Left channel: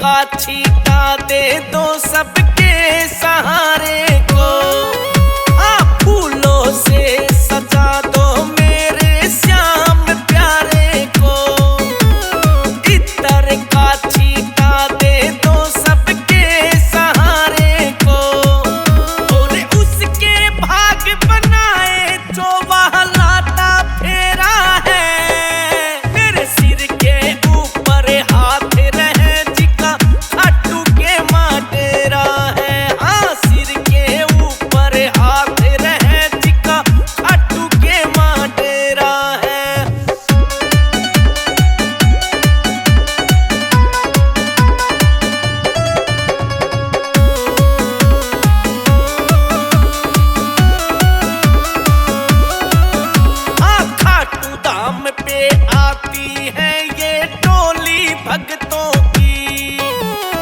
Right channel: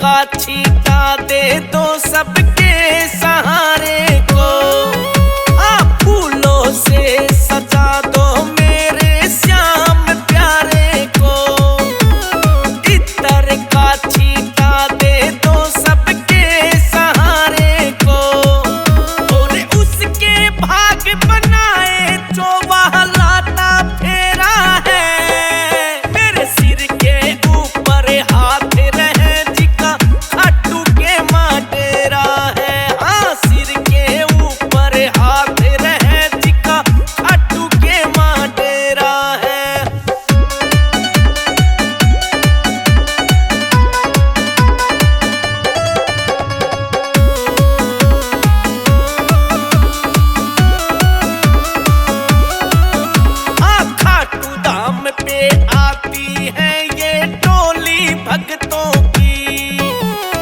का छीटा दे दो सबके सहारे को। फूलों से सजा दो मेरे श्याम प्यारे को। इत्र का छीटा दे दो सबके सहारे को। और उसके भाग बनाए जो वह लाता फेरा है। मेरे सिर के ऊपर हाथ रहे जिका खाटू के माँ डेरा है। हाँ, सिर के ऊपर हाथ रहे जिका खाटू के माँ डेरा है। खाटू धाम पे आती है ये टोली भक्तों की।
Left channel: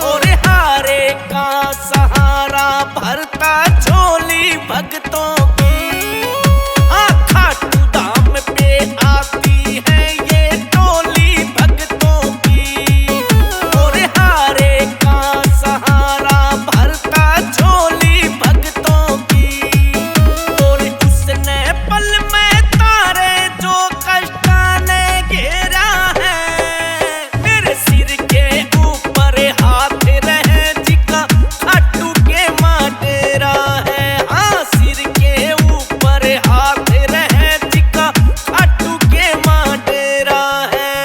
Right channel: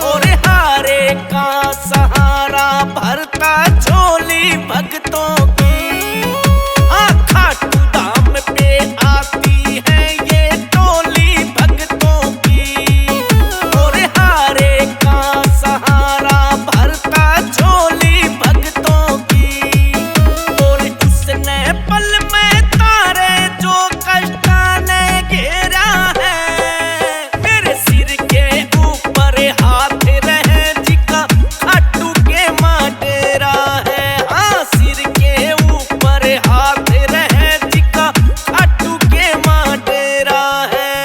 और हारे का सहारा भरता झोली भक्तों की। खाटू धाम पे आती है ये टोली भक्तों की। और हारे का सहारा भरता झोली भक्तों की। और उसने पल में तारे जो कष्टा ने घेरा है। मेरे सिर के ऊपर हाथ रहे जिका खाटू के माँ डेरा है। हाँ, सिर के ऊपर हाथ रहे जिका खाटू के माँ डेरा है।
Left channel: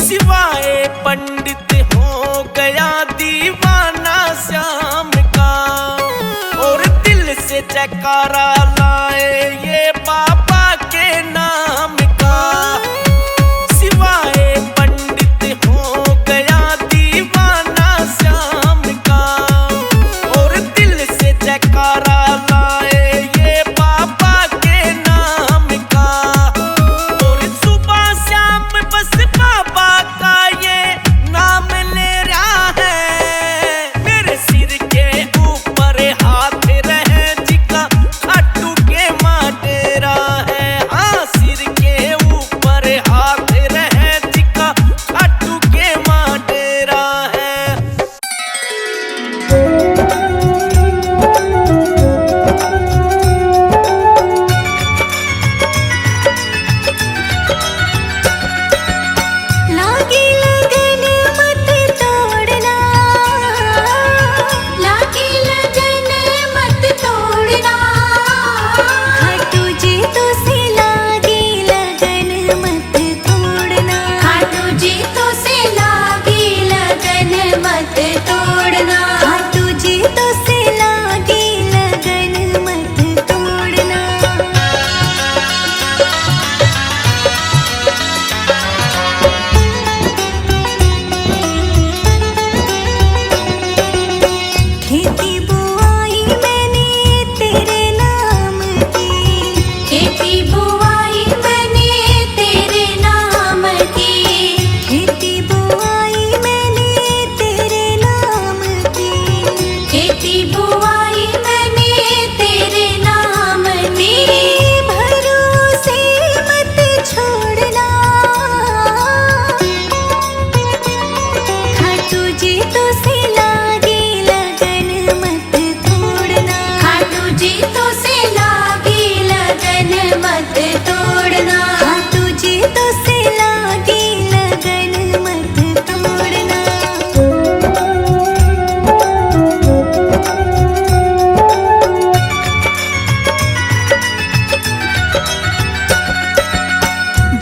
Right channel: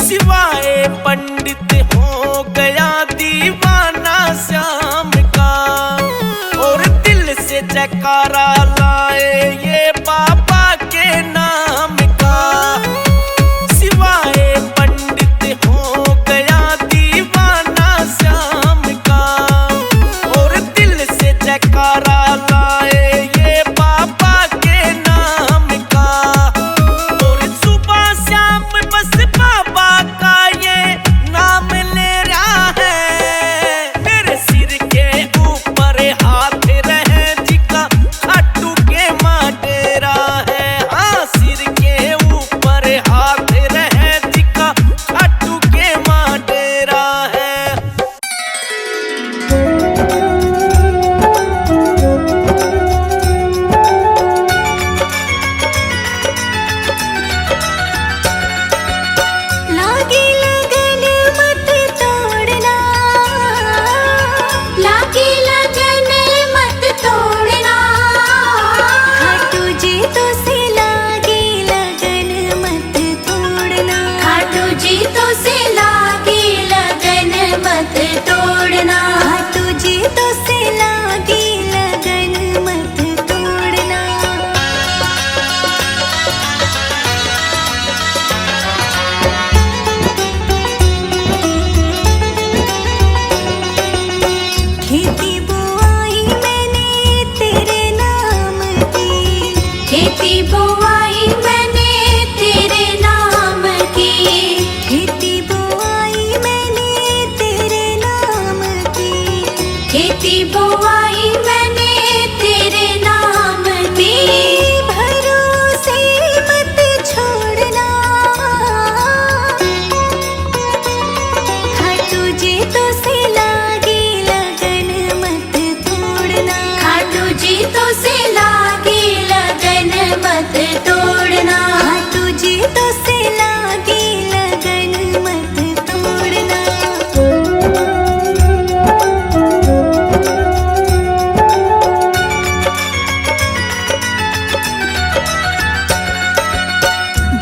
सिवाय पंडित हो गया दीवाना श्याम का। और दिल से जयकारा लाए ये बाबा के नाम का। सिवाय पंडित हो गया दीवाना श्याम का। और दिल से जयकारा लाए ये बाबा के नाम का। और सुबह शाम बस बाबा का ये नाम ले रहा है। मेरे सिर के ऊपर हाथ रहे जिका खाटू के माँ डेरा है। हाँ, सिर के ऊपर हाथ रहे जिका खाटू के माँ डेरा है। लागी लगन मत तोड़ना। लागी लगन मत तोड़ना। खाटू जी तो से लागी लगन मत तोड़ना। खाटू जी तो से लागी लगन मत तोड़ना। खाटू जी तो से लागी लगन मत तोड़ना। खेती बुआई मैंने तेरे नाम की। खेती बुआई मैंने तेरे नाम की। खेती बुआई मैंने तेरे नाम की। खेती बुआई मैंने तेरे नाम की। तेरे भरोसे मत छोड़ना। खाटू जी तो से लागी लगन मत तोड़ना। खाटू जी तो से लागी लगन मत तोड़ना। खाटू जी तो से लागी लगन मत तोड़ना।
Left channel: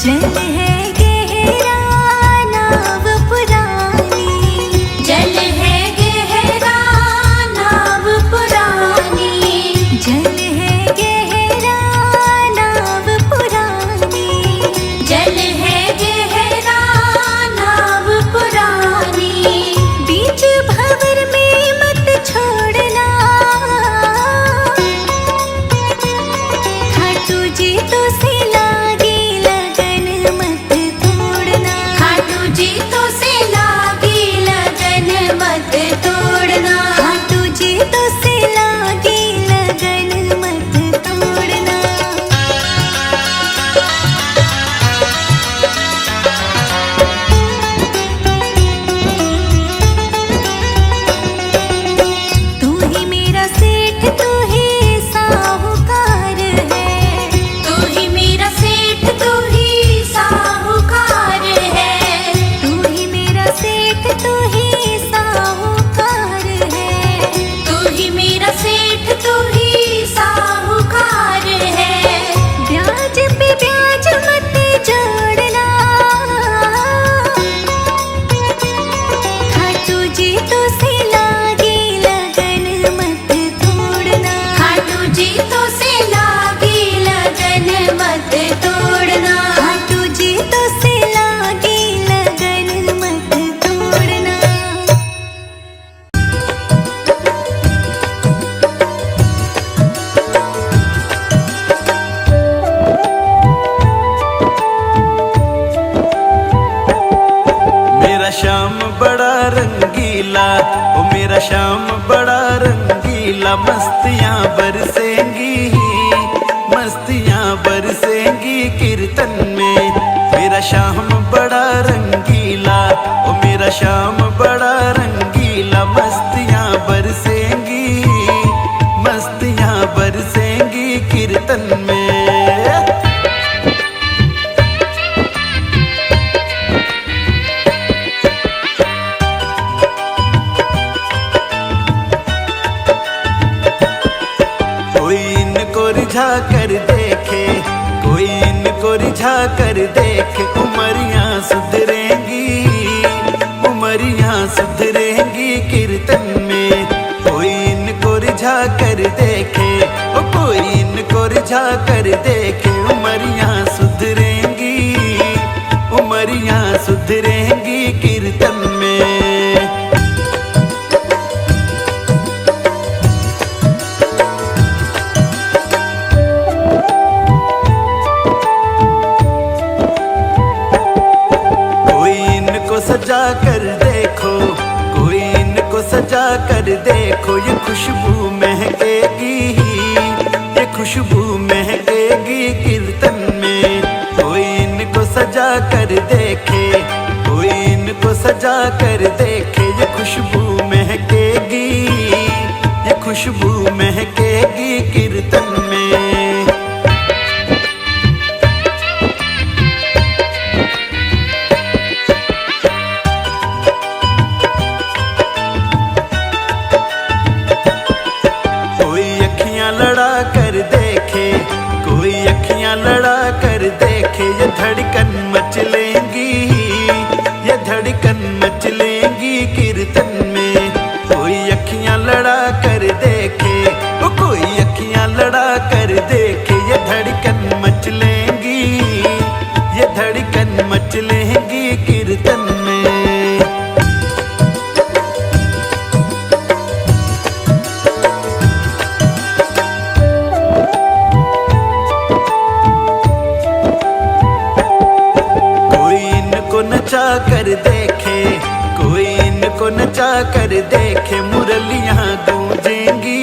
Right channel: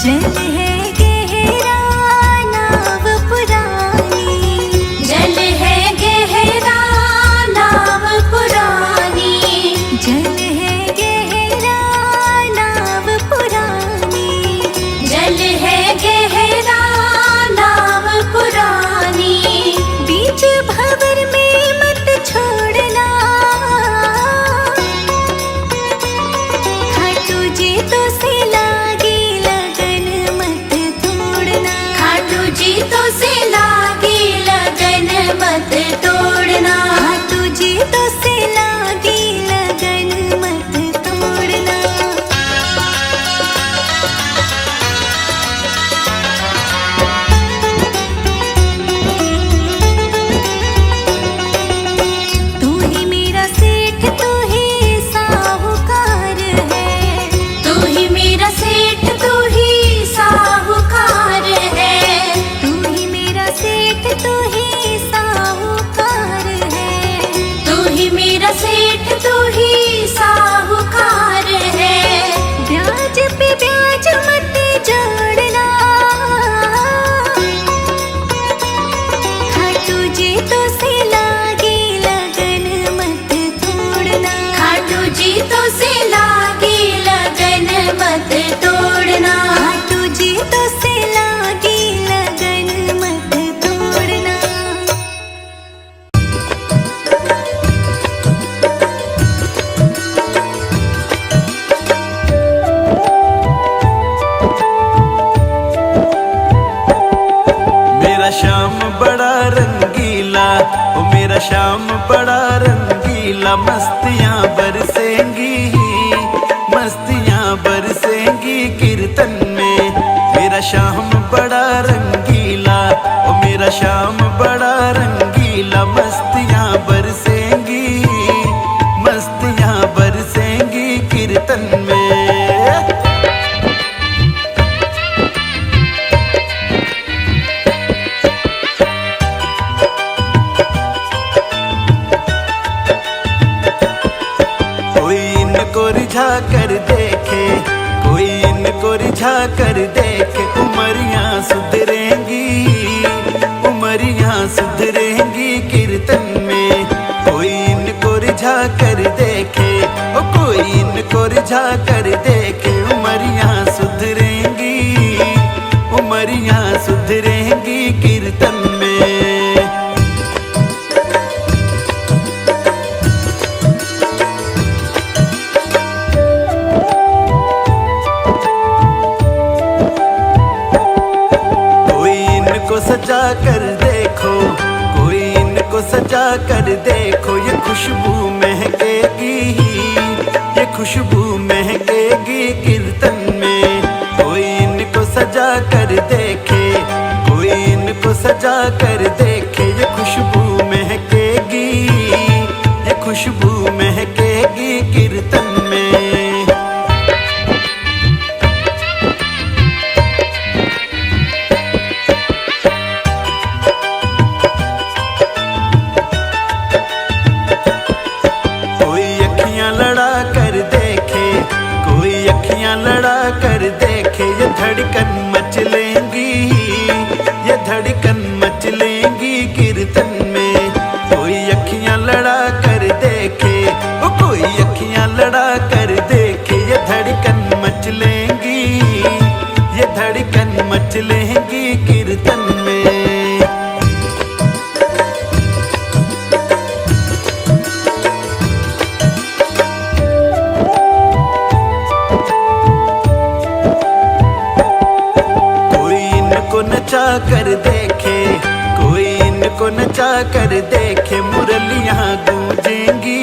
जल है गहरा नाव पुरानी। जल है गहरा नाव पुरानी। जल है गहरा नाव पुरानी। जल है गहरा नाव पुरानी। बीच भंवर में मत छोड़ना। खाटू जी तो से लागी लगन मत तोड़ना। खाटू जी तो से लागी लगन मत तोड़ना। मेरा श्याम बड़ा रंगीला, ओ मेरा श्याम बड़ा रंगीला, मस्तियां बरसेंगी, मस्तियां बरसेंगी कीर्तन में। मेरा श्याम बड़ा रंगीला, ओ मेरा श्याम बड़ा रंगीला, मस्तियां बरसेंगी, मस्तियां बरसेंगी कीर्तन में। कोई इनको रिझा कर देखे, कोई इनको रिझा कर देखे, उमरियां सुधरेंगी, उमरियां सुधरेंगी कीर्तन में। कोई इनको रिझा कर देखे, ओ कोई इनको रिझा कर देखे, उमरियां सुधरेंगी, उमरियां सुधरेंगी कीर्तन में। को सजा कर देखो, कोई इनको सजा कर देखो, ये खुशबू महकेगी, ये खुशबू महकेगी कीर्तन में। कोई इनको सजा कर देखे, कोई इनको सजा कर देखे, ये खुशबू महकेगी, ये खुशबू महकेगी कीर्तन में। लड़ा कर देखे, कोई अखियां लड़ा कर देखे, ये धड़कन मचलेंगी, ये धड़कन मचलेंगी कीर्तन में। कोई अखियां लड़ा कर देखे, ओ कोई अखियां लड़ा कर देखे, ये धड़कन मचलेंगी, ये धड़कन मचलेंगी कीर्तन में। को नचा कर देखे, कोई इनको नचा कर देखे, मुरलियां गूंजेंगी,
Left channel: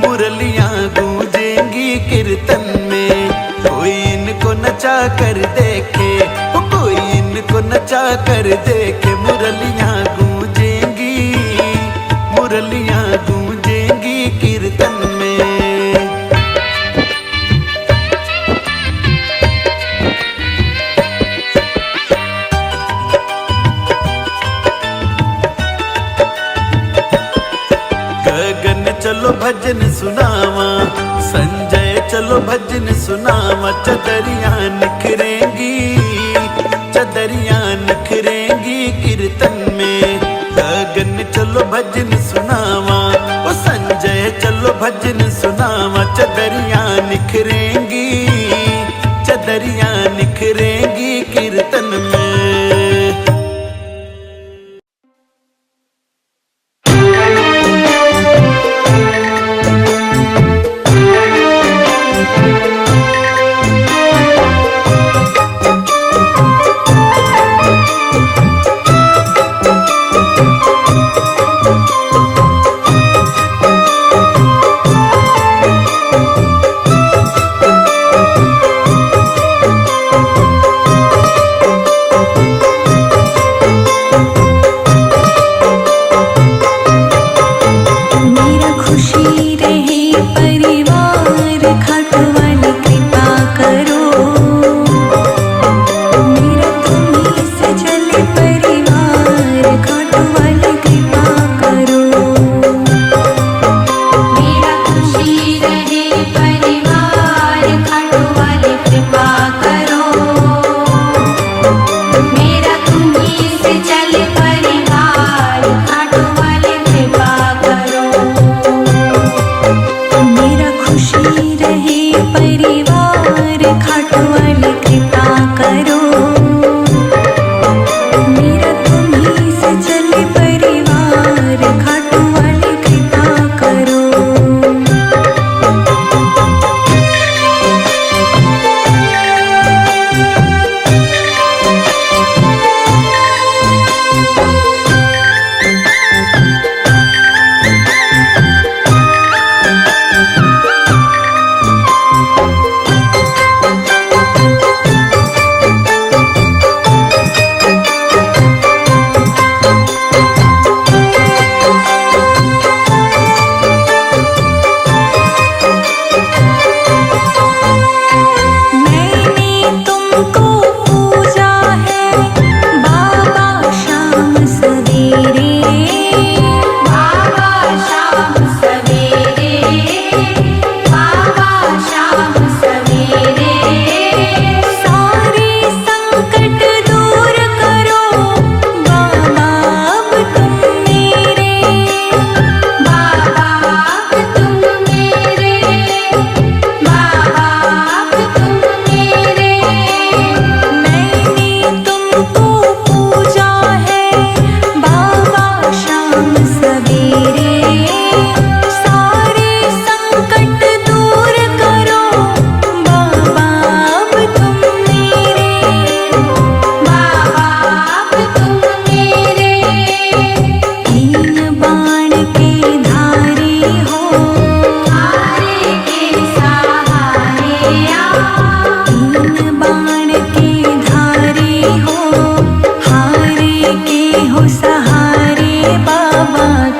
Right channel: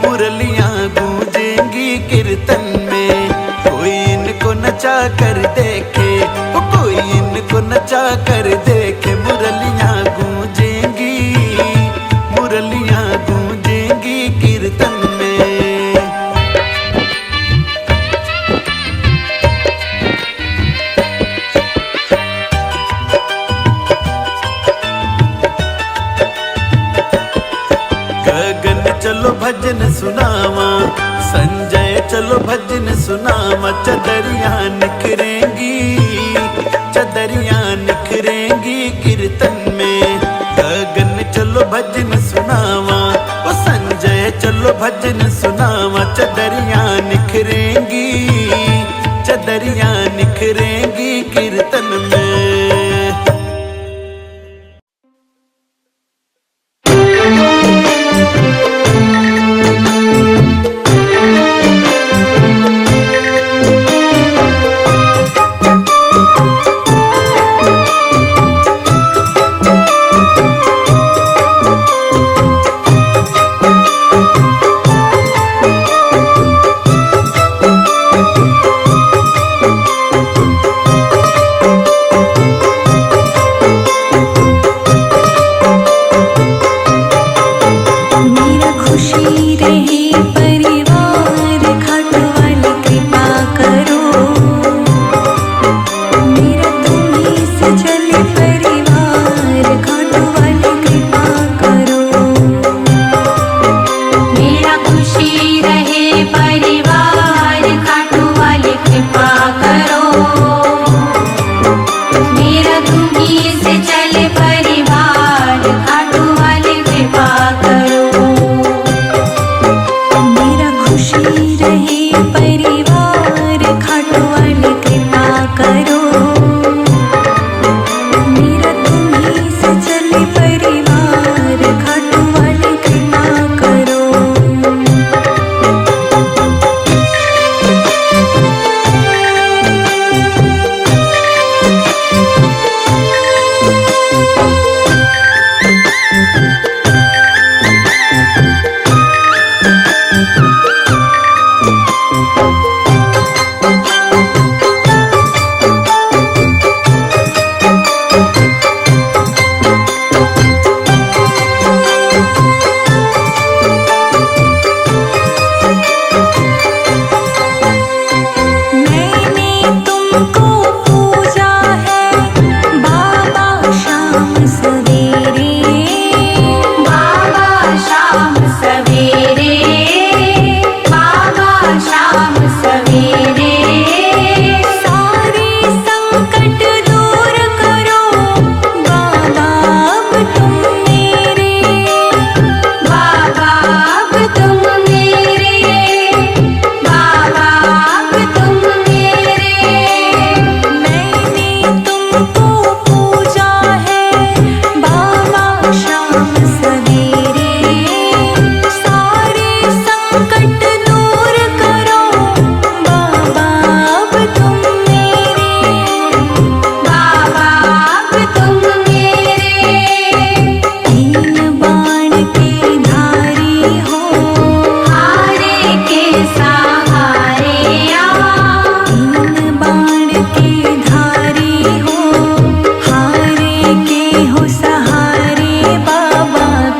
मुरलियां गूंजेंगी कीर्तन में। कोई इनको नचा कर देखे, ओ कोई इनको नचा कर देखे, मुरलियां गूंजेंगी, मुरलियां गूंजेंगी कीर्तन में। गगन चलो भजन सुनावा, संजय चलो भजन सुनावा, चदरियां निखरेंगी, चदरियां निखरेंगी कीर्तन में। गगन चलो भजन सुनावा, ओ संजय चलो भजन सुनावा, चदरियां निखरेंगी, चदरियां निखरेंगी कीर्तन में। परिवार खाटू वाले कृपा करो, मेरा तुम्हीं से चले परिवार खाटू वाले कृपा करो।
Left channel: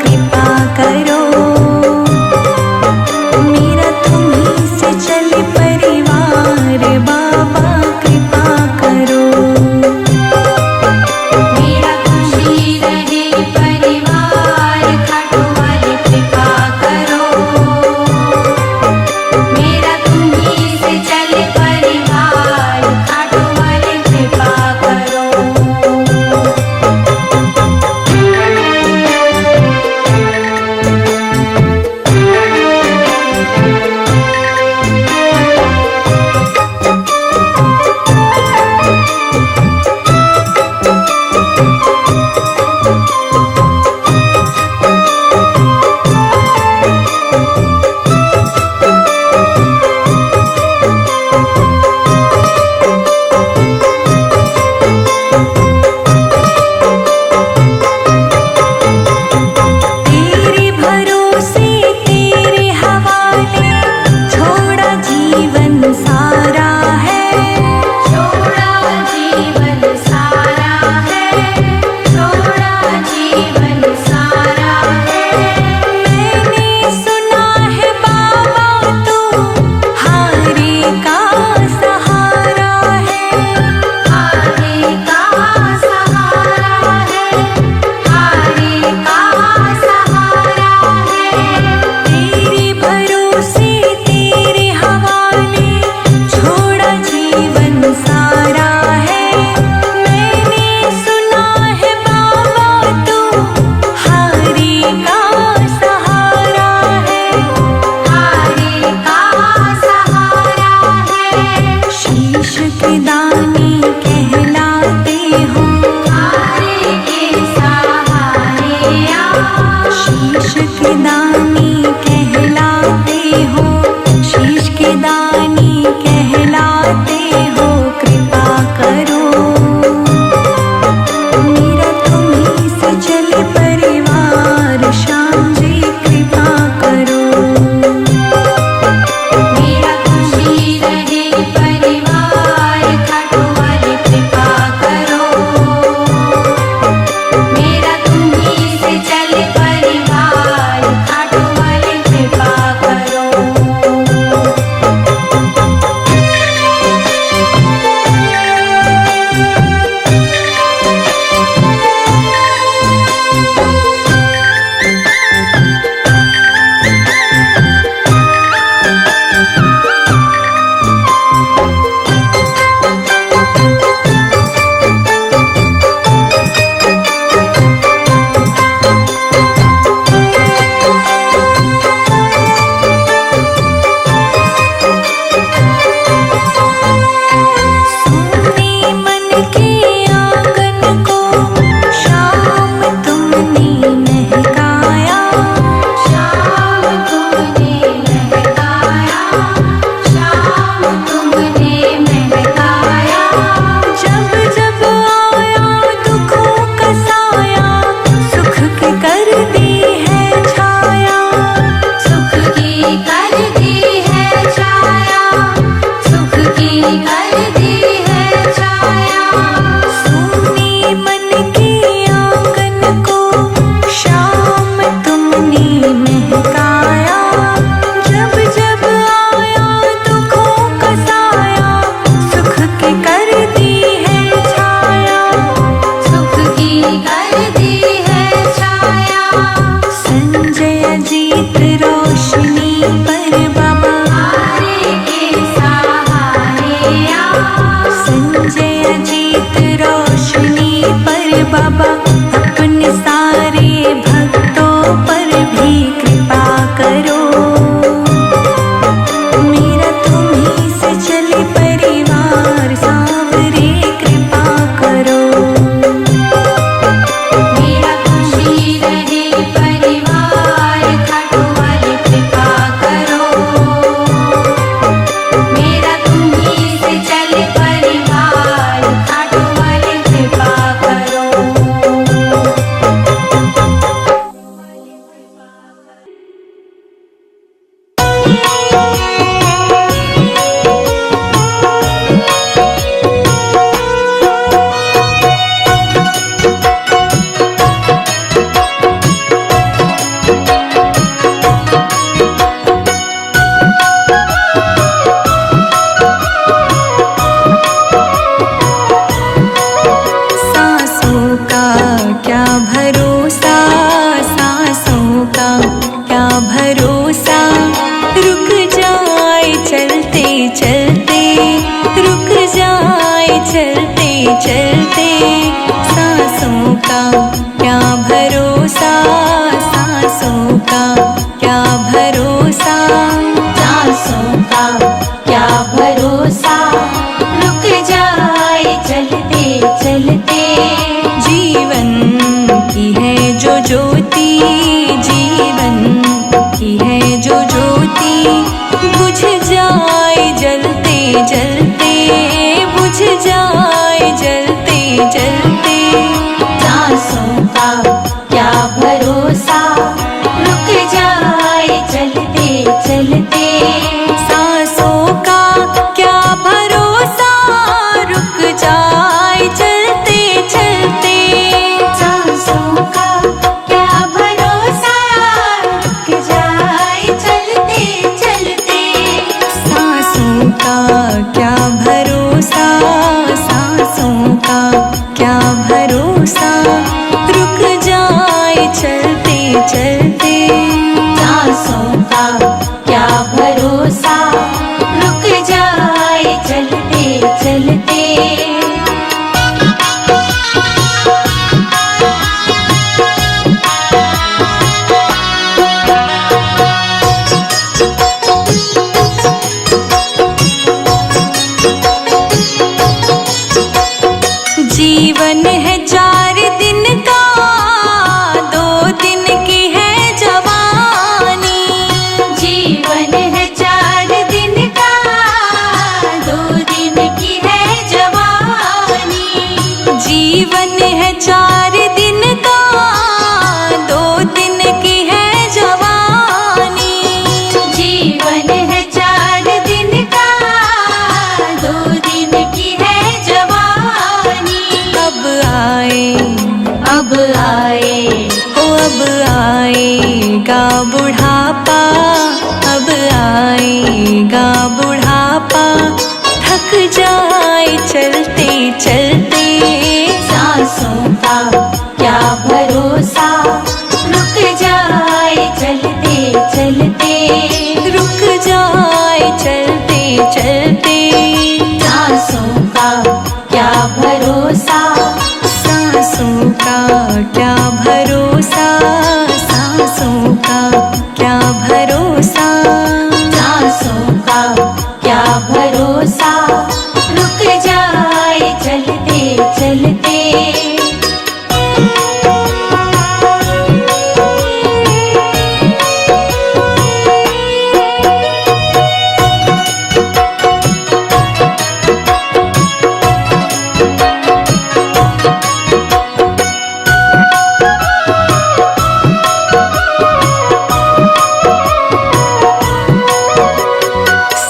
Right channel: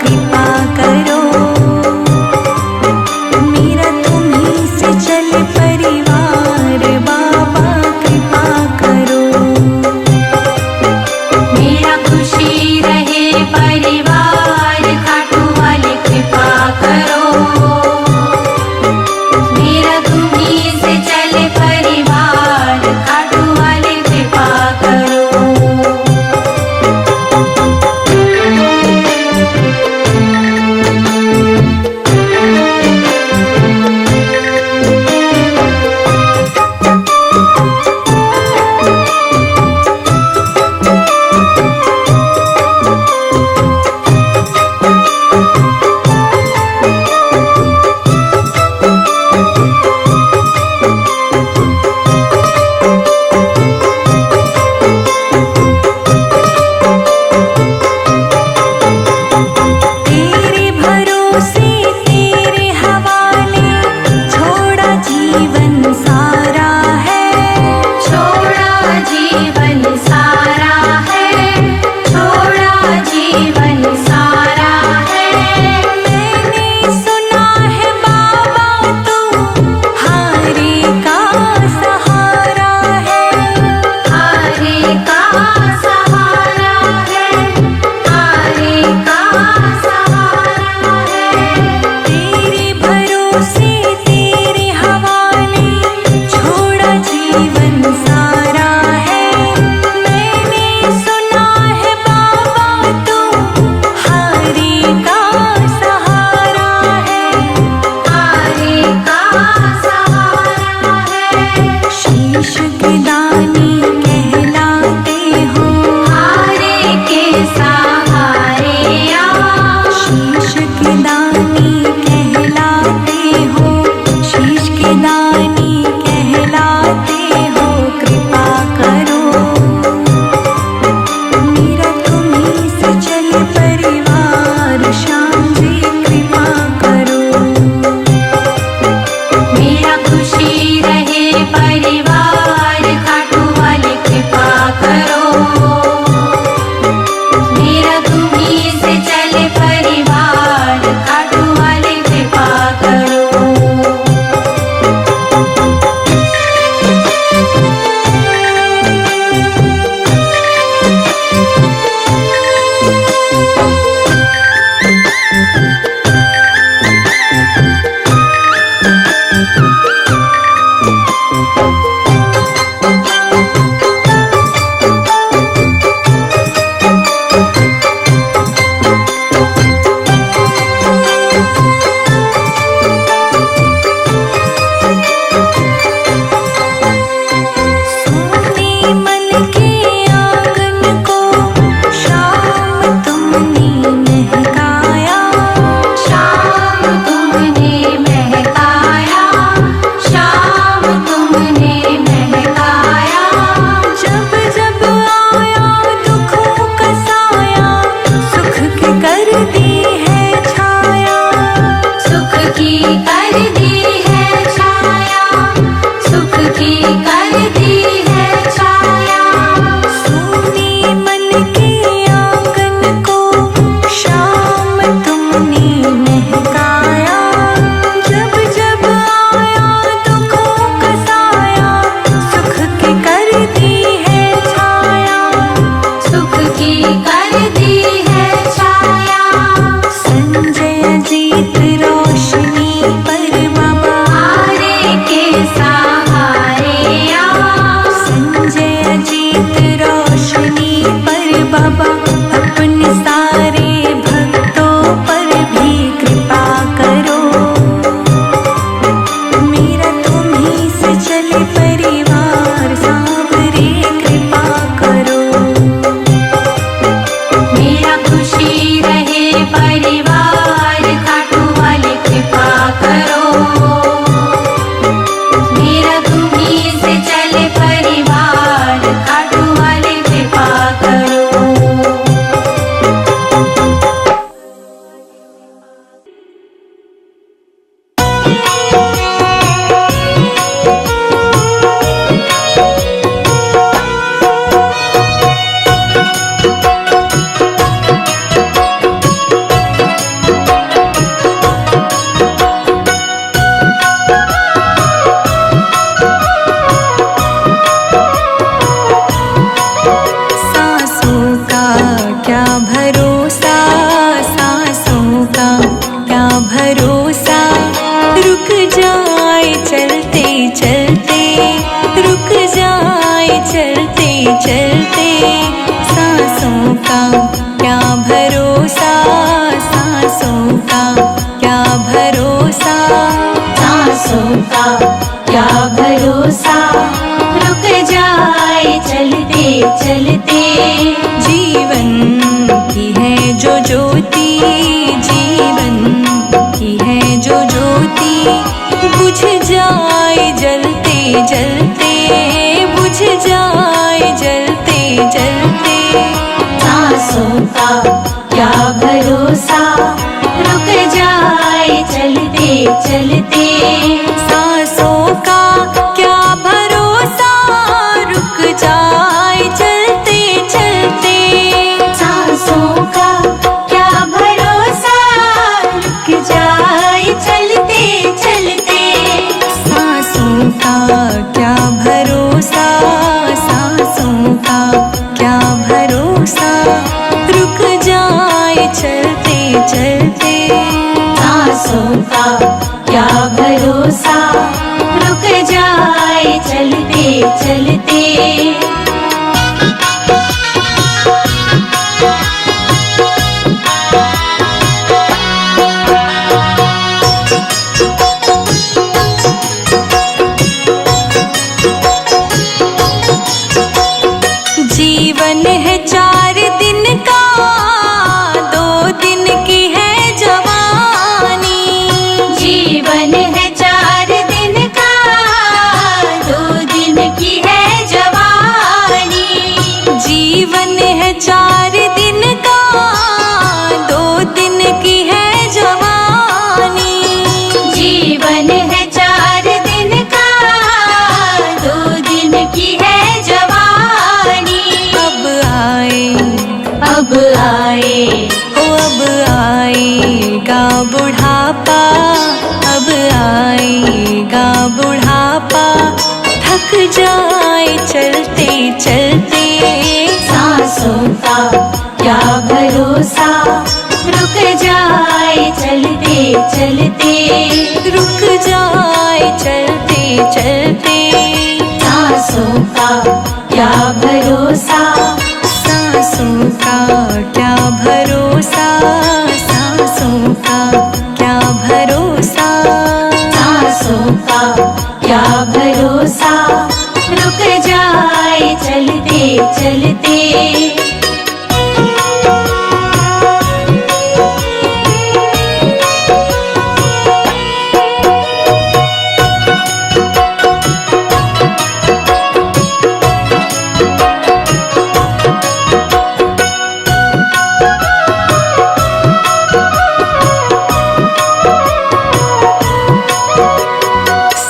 कृपा करो। मेरा तुम्हीं से चले परिवार, बाबा कृपा करो। मेरा खुशी रहे परिवार, खाटू वाली कृपा करो। मेरा तुम्हीं से चले परिवार, खाटू वाली कृपा करो। तेरे भरोसे तेरे हवाले छोड़ा जीवन सारा है। छोड़ा जीवन सारा है, छोड़ा जीवन सारा है। मैंने सुना है बाबा तू हारे का सहारा है। हारे का सहारा है, हारे का सहारा है। तेरे भरोसे तेरे हवाले छोड़ा जीवन सारा है। मैंने सुना है बाबा तू हारे का सहारा है। हारे का सहारा है। शीश के दानी कहलाते हो, हारे के सहारे आ। शीश के दानी कहलाते हो, शीश के दानी कहलाते हो। कृपा करो मेरा तुम्हीं से चले परिवार, श्याम जी कृपा करो। मेरा खुशी रहे परिवार, खाटू वाली कृपा करो। मेरा तुम्हीं से चले परिवार, खाटू वाली कृपा करो। सोने मन के आंगन को शाम तुमने महकाया। शाम तुमने महकाया, शाम तुमने महकाया। जब जब आया दुखों का साया, सुख की कर दी है छाया। सुख की कर दी है छाया, सुख की कर दी है छाया। सोने मन के आंगन को शाम तुमने महकाया। जब जब आया दुखों का साया, सुख की कर दी है छाया। सुख की कर दी है छाया। संजय जीत रोशनी पर बाबा, हारे के सहारे आ। संजय जीत रोशनी पर बाबा, अपने सारे भक्तों पर भी कृपा करो। मेरा तुम्हीं से चले परिवार, सांवरे कृपा करो। मेरा खुशी रहे परिवार, खाटू वाली कृपा करो। मेरा तुम्हीं से चले परिवार, खाटू वाली कृपा करो। चलते चलते रुक जाए चलते चलते। सांसों का क्या भरोसा, सांसों का क्या भरोसा, सांसों का क्या भरोसा, रुक जाए चलते चलते। जीवन की है जो ज्योति, जीवन की है जो ज्योति, बुझ जाए जलते जलते, बुझ जाए जलते जलते। सांसों का क्या भरोसा, रुक जाए चलते चलते। सांसों का क्या भरोसा, रुक जाए चलते चलते। सांसों का क्या भरोसा, रुक जाए चलते चलते। सांसों का क्या भरोसा, सांसों का क्या भरोसा, रुक जाए चलते चलते। सांसों का क्या भरोसा, रुक जाए चलते चलते। जीवन है 4 दिन का, 2 दिन की है जवानी। जीवन है 4 दिन का, 2 दिन की है जवानी। जीवन है 4 दिन का, 2 दिन की है जवानी। जीवन है 4 दिन का, 2 दिन की है जवानी। अब आए, अब आए, हो अब आएगा बुढ़ापा, अब आएगा बुढ़ापा, थक जाए चलते चलते। सांसों का क्या भरोसा, रुक जाए चलते चलते। रुक जाए चलते चलते। सांसों का क्या भरोसा, सांसों का क्या भरोसा, सांसों का क्या भरोसा। सांसों का क्या भरोसा, रुक जाए चलते चलते।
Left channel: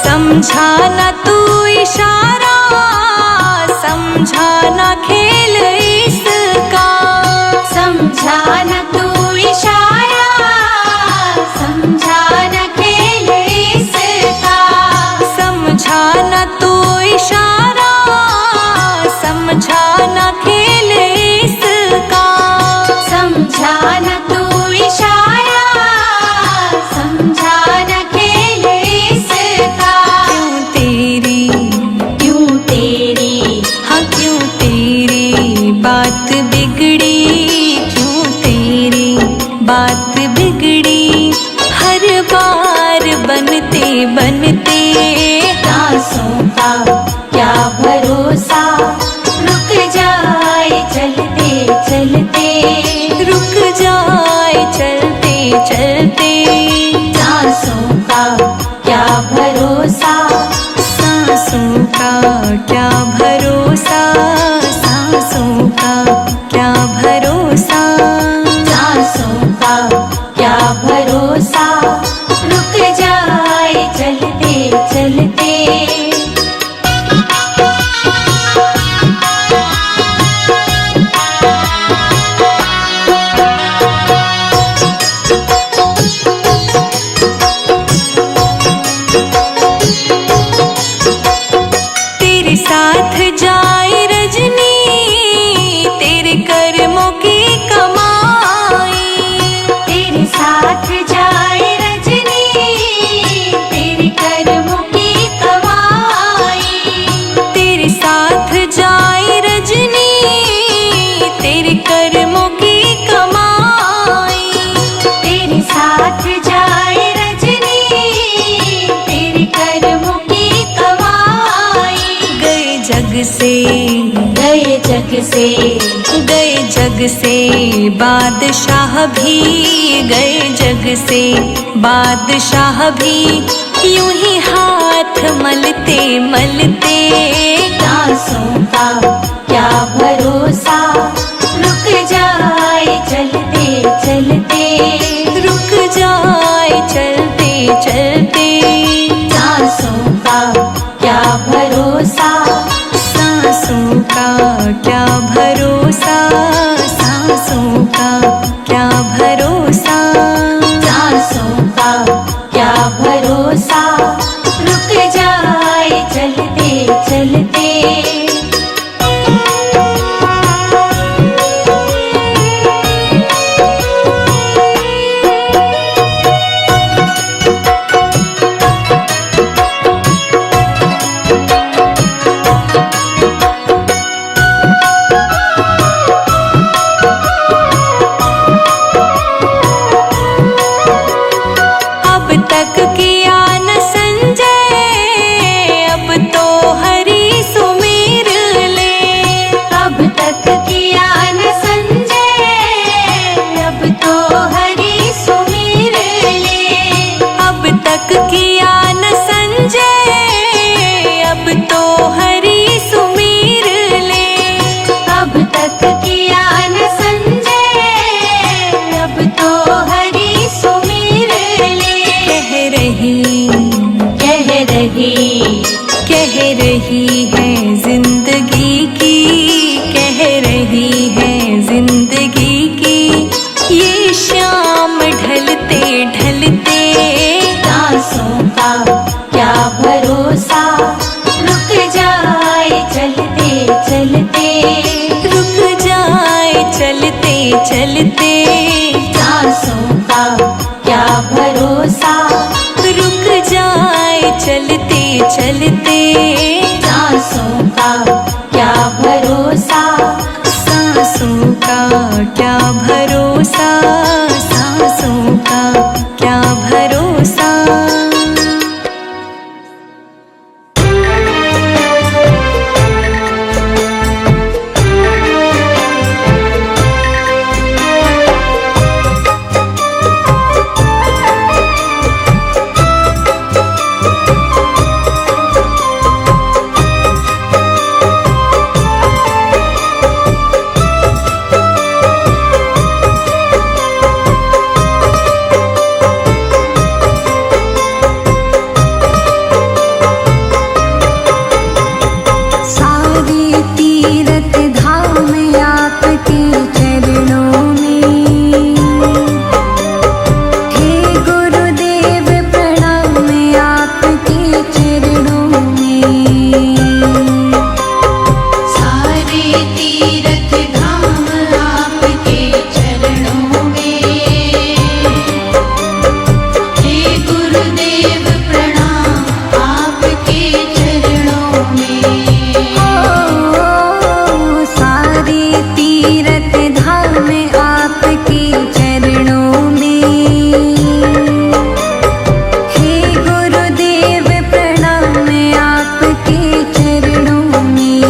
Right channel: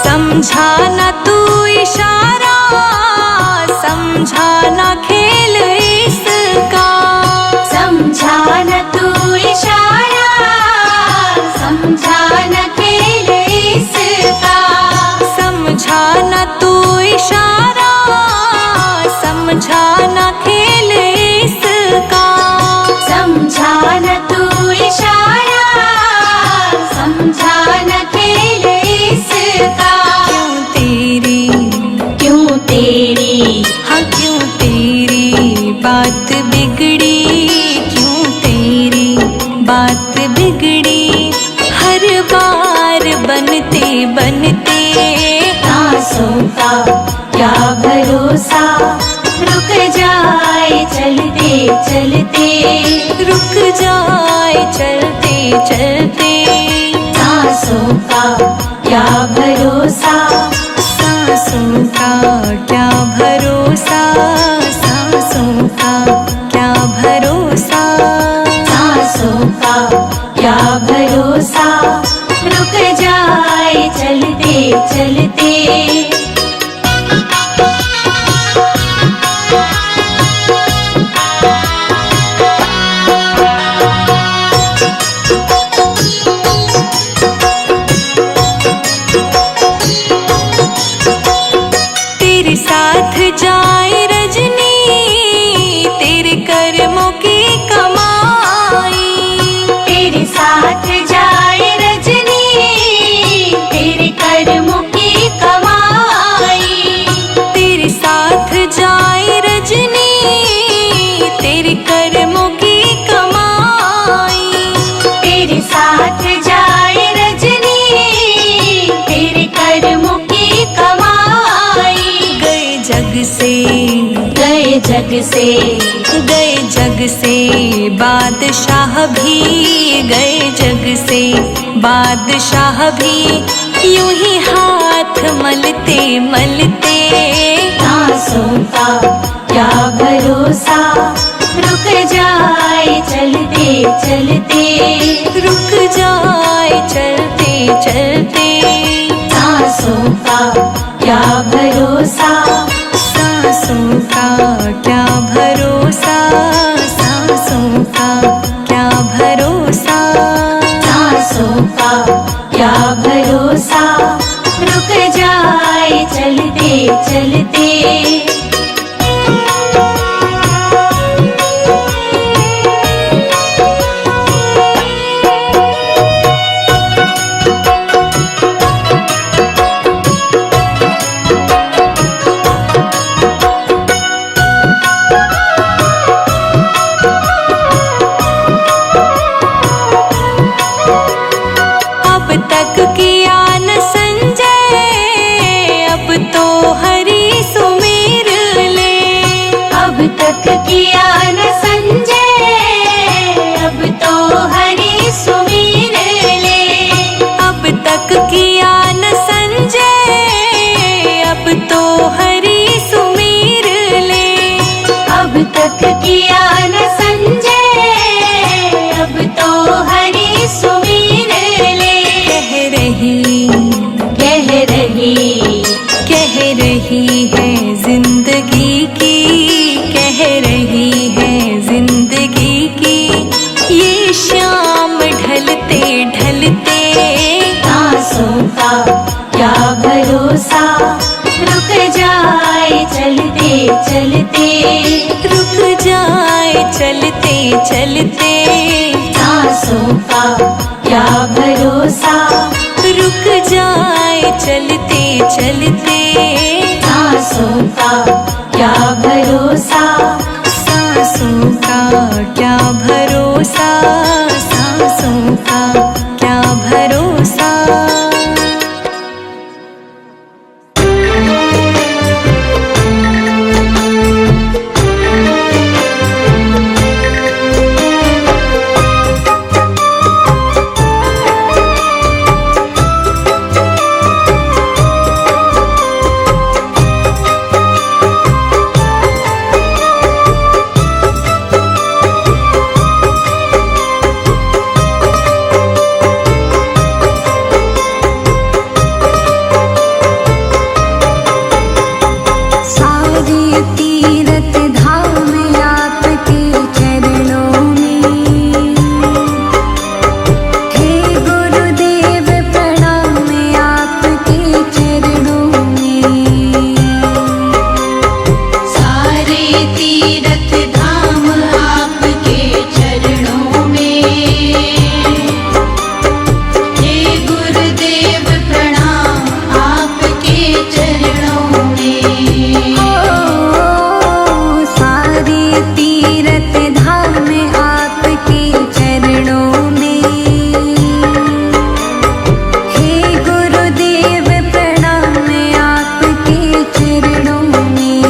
समझा न तू इशारा, समझा न खेल इसका। समझा न तू इशारा, समझा न खेल इसका। समझा न तू इशारा, समझा न खेल इसका। समझा न तू इशारा, समझा न खेल इसका। क्यों तेरी, क्यों तेरी, हाँ क्यों तेरी बात बिगड़ी, क्यों तेरी बात बिगड़ी, हर बार बनते बनते। सांसों का क्या भरोसा, रुक जाए चलते चलते। रुक जाए चलते चलते। सांसों का क्या भरोसा, सांसों का क्या भरोसा, सांसों का क्या भरोसा। सांसों का क्या भरोसा, रुक जाए चलते चलते। तेरे साथ जाए रजनी, तेरे कर्मों की कमाई। तेरे साथ जाए रजनी, तेरे कर्मों की कमाई। जाए रजनी तेरे कर्मों की कमाई। तेरे साथ जाए रजनी तेरे कर्मों की कमाई। गए जग से गए जग से गए जग से बादशाह भी, गए जग से बादशाह भी, यूं ही हाथ मलते मलते। सांसों का क्या भरोसा रुक जाए चलते चलते। रुक जाए चलते चलते। सांसों का क्या भरोसा सांसों का क्या भरोसा, सांसों का क्या भरोसा। सांसों का क्या भरोसा रुक जाए चलते चलते। अब तक किया न संजय, अब तो हरि सुमेर ले। अब तक किया न संजय, अब तो हरि सुमीर ले। अब तक किया न संजय, अब तो हरि सुमेर ले। अब तक किया न संजय, अब तो हरि सुमीर ले। कह रही है जिंदगी की, कह रही है जिंदगी की, ये शाम ढलते ढलते। सांसों का क्या भरोसा रुक जाए चलते चलते। रुक जाए चलते चलते। सांसों का क्या भरोसा रुक जाए चलते चलते। सांसों का क्या भरोसा सांसों का क्या भरोसा, सांसों का क्या भरोसा। तीरथ धाम आपके चरणों में, हे गुरुदेव प्रणाम आपके चरणों में। सारे तीरथ धाम आपके चरणों में, हे गुरुदेव प्रणाम आपके चरणों में। सारे तीरथ धाम आपके चरणों में, हे गुरुदेव प्रणाम आपके चरणों में।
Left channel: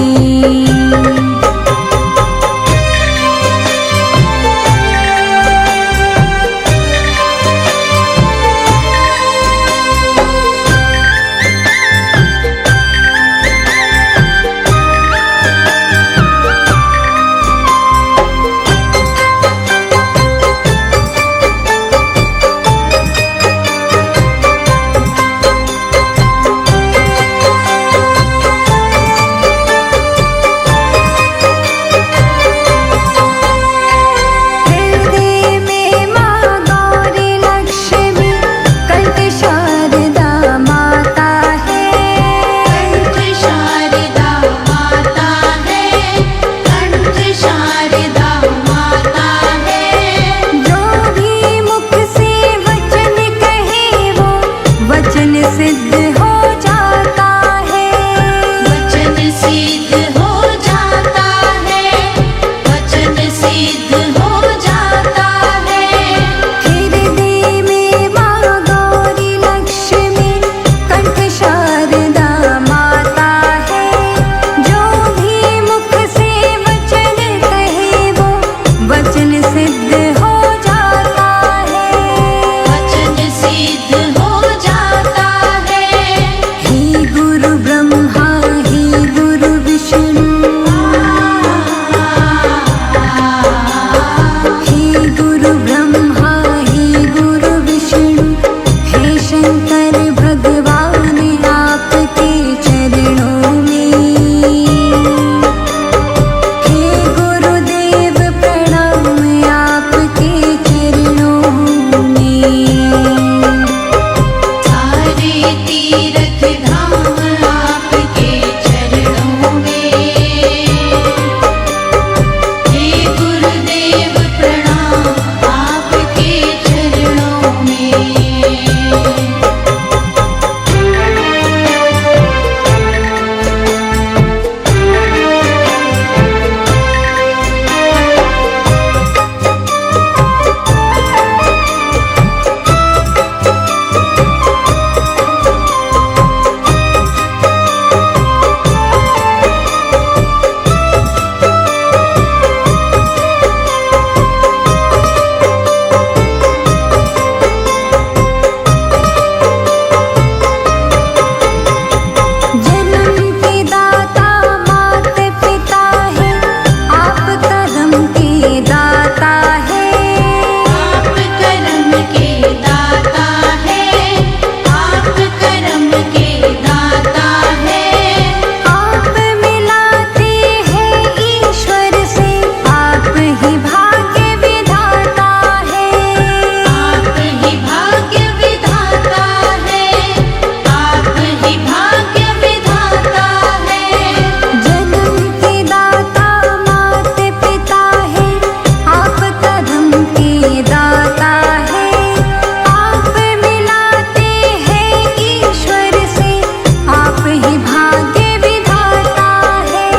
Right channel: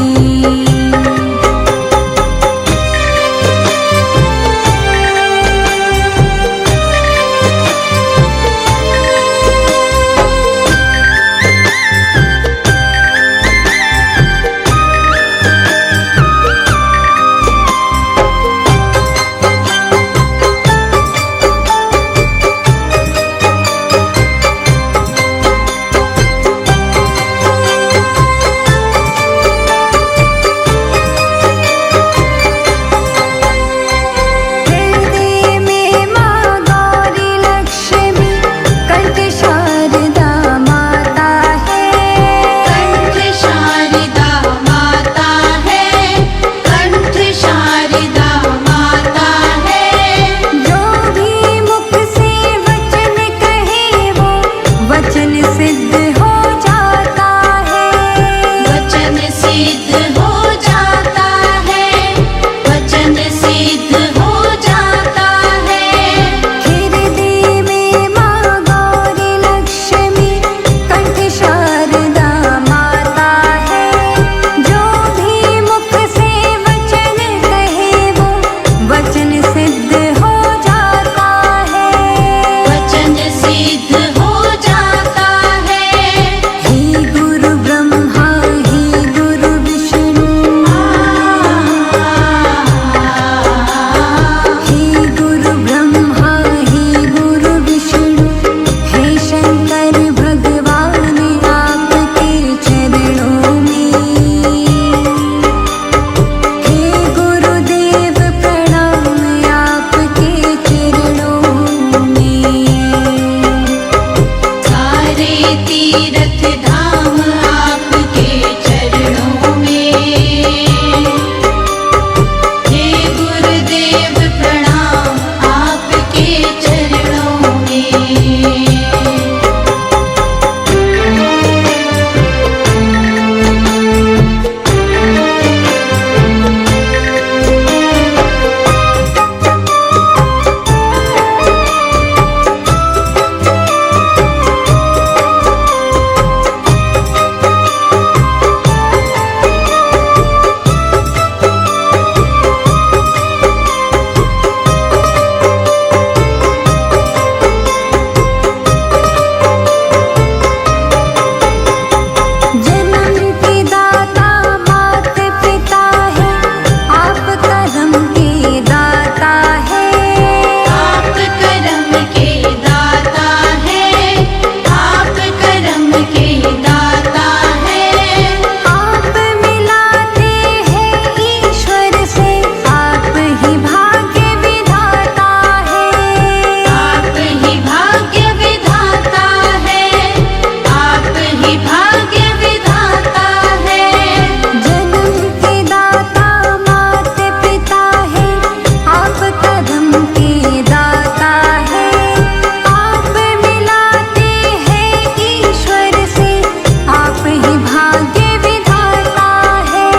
ही भाग्य विधाता है,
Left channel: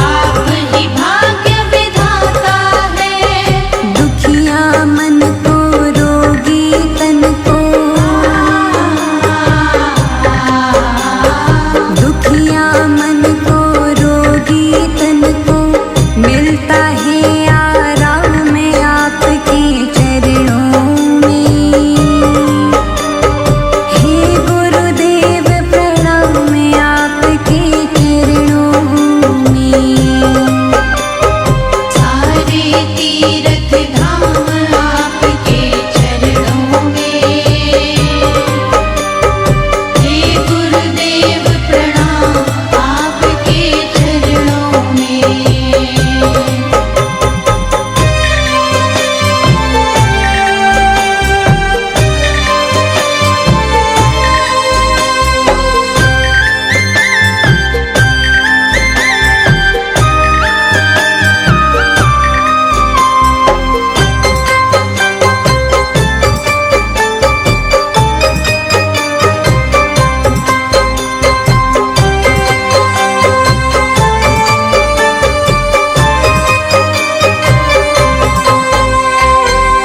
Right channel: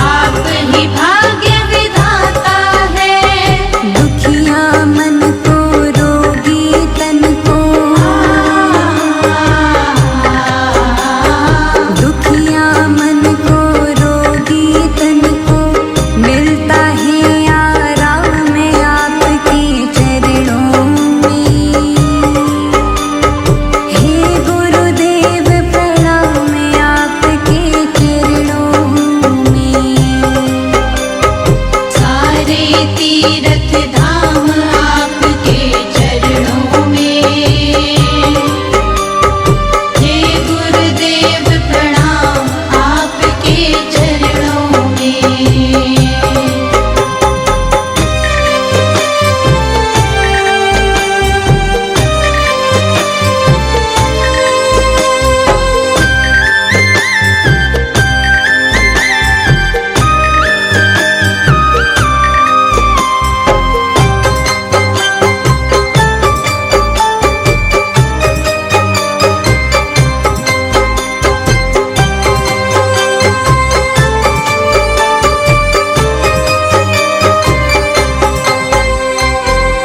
आप ही भाग्य विधाता है। दुखिया मन को रोगी तन को, दुखिया मन को रोगी तन को मिलता है आराम आपके चरणों में। हे गुरुदेव प्रणाम आपके चरणों में। सारे तीर्थ धाम आपके चरणों में। हे गुरुदेव प्रणाम आपके चरणों में।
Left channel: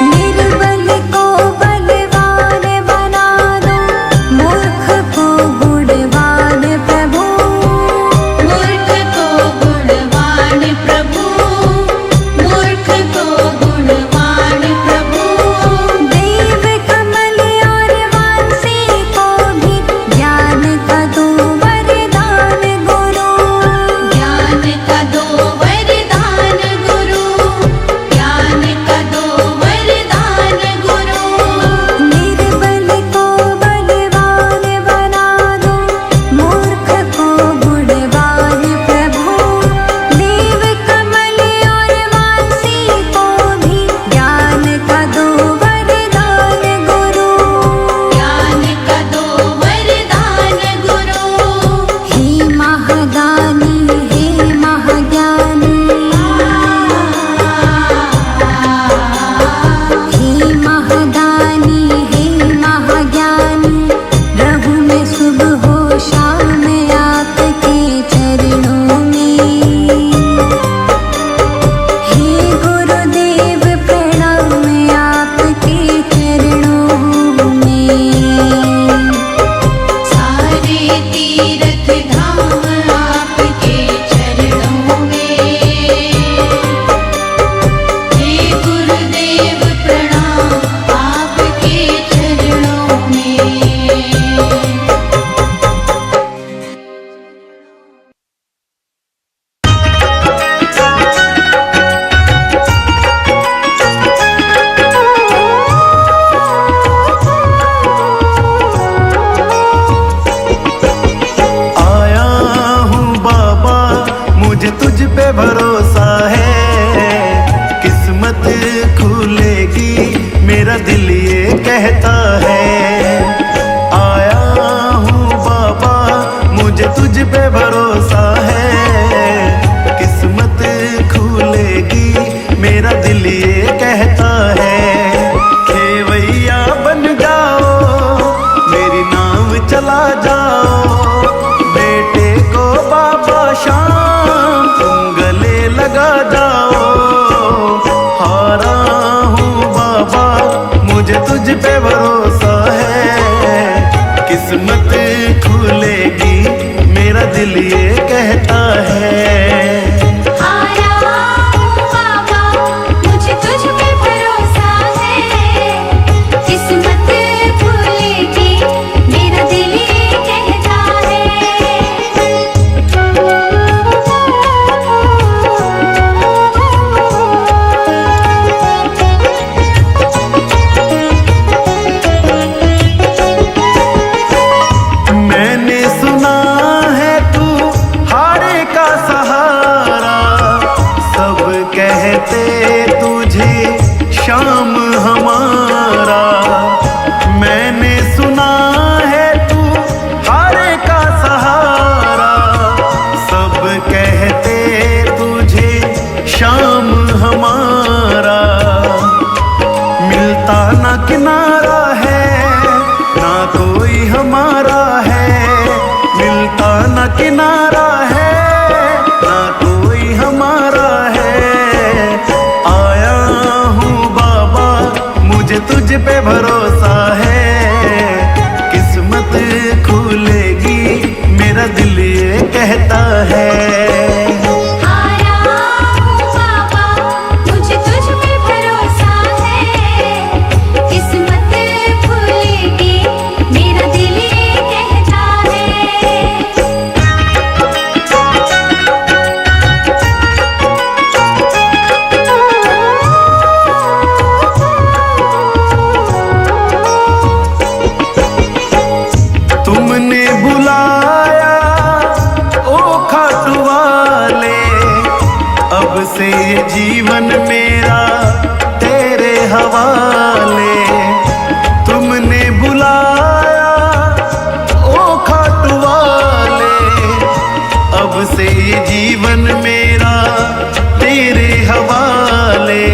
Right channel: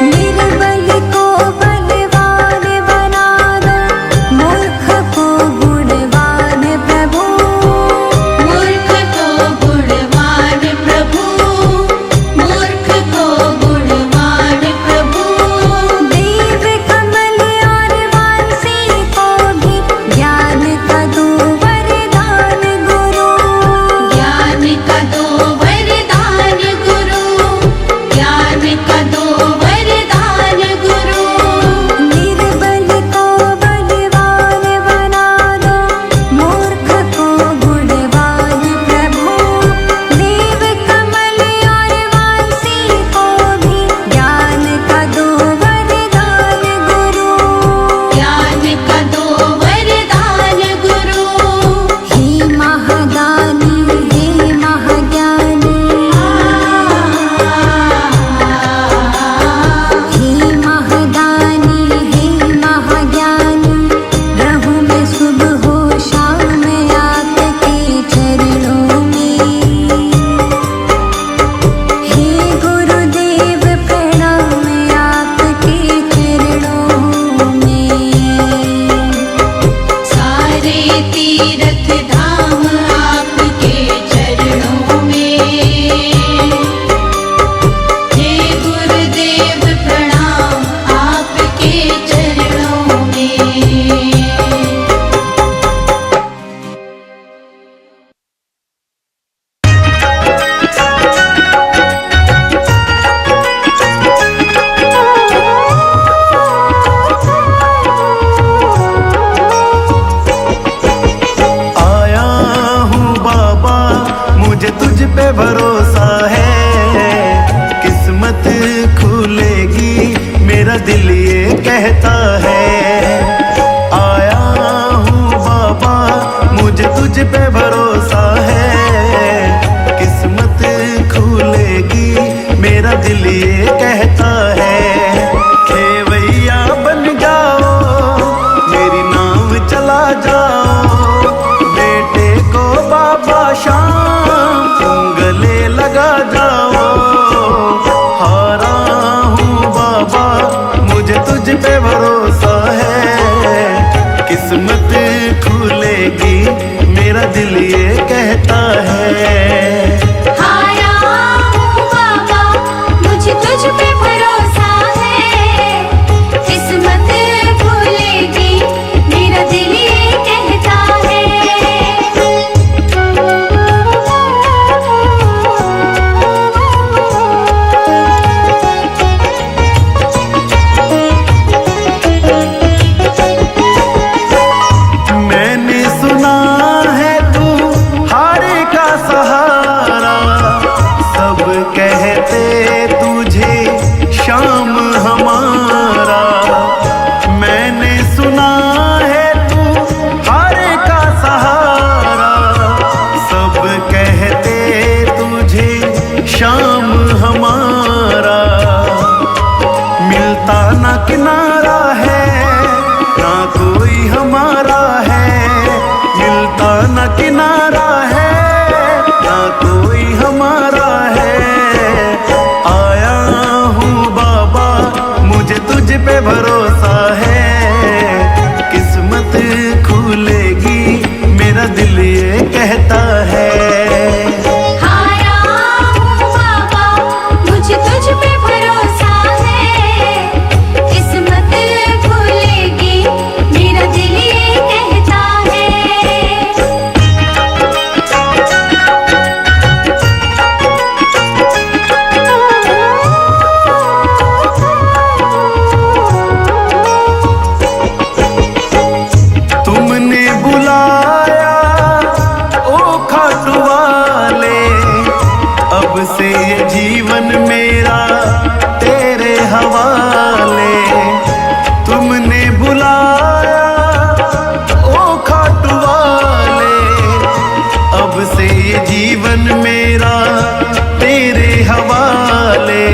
निर्बल को बलवान बना दो, मूर्ख को गुणवान प्रभु। मूर्ख को गुणवान प्रभु, मूर्ख को गुणवान प्रभु। देव कमल और वांसी को भी ज्ञान का दो वरदान गुरु। ज्ञान का दो वरदान गुरु, ज्ञान का दो वरदान गुरु। निर्बल को बलवान बना दो, मूर्ख को गुणवान प्रभु। देव कमल और वांसी को भी ज्ञान का दो वरदान गुरु। ज्ञान का दो वरदान गुरु। हे महादानी हे महाज्ञानी, हे महादानी हे महाज्ञानी, रहूं मैं सुबह हो शाम आपके चरणों में। हे गुरुदेव प्रणाम आपके चरणों में। सारे तीर्थ धाम आपके चरणों में। हे गुरुदेव प्रणाम आपके चरणों में। आया हूँ बाबा, मुझे तुझ पे भरोसा है। किस्मत खुलेगी मेरा दिल ये कहता है। आया हूँ बाबा, मुझे तुझ पे भरोसा है। किस्मत खुलेगी मेरा दिल ये कहता है। खेवैया बन जाओ, मेरी नाव चला जाओ। बेटे को बाबा शाम तुम गले लगा जाओ। हारा हूँ बाबा, मुझे तुझ पे भरोसा है। किस्मत खुलेगी मेरा दिल ये कहता है। हारा हूँ बाबा, मुझे तुझ पे भरोसा है। किस्मत खुलेगी मेरा दिल ये कहता है। मैंने सुना है तू हारे का सहारा। सब कहते तुझे शाम हमारा। मैंने सुना है तू हारे का सहारा। सब कहते तुझे शाम हमारा। मिलता ना किनारा है, ना कोई हमारा है। मिलता ना किनारा है, ना कोई हमारा है। आया हूँ बाबा, मुझे तुझ पे भरोसा है। किस्मत खुलेगी, मेरा दिल ये कहता है। आया हूँ बाबा, मुझे तुझ पे भरोसा है। किस्मत खुलेगी, मेरा दिल ये कहता तुमने बुलाया ओ खाटू वाले, अब से ये जीवन मेरा तेरे हवाले। तुमने बुलाया ओ खाटू वाले, अब से ये जीवन मेरा तेरे हवाले।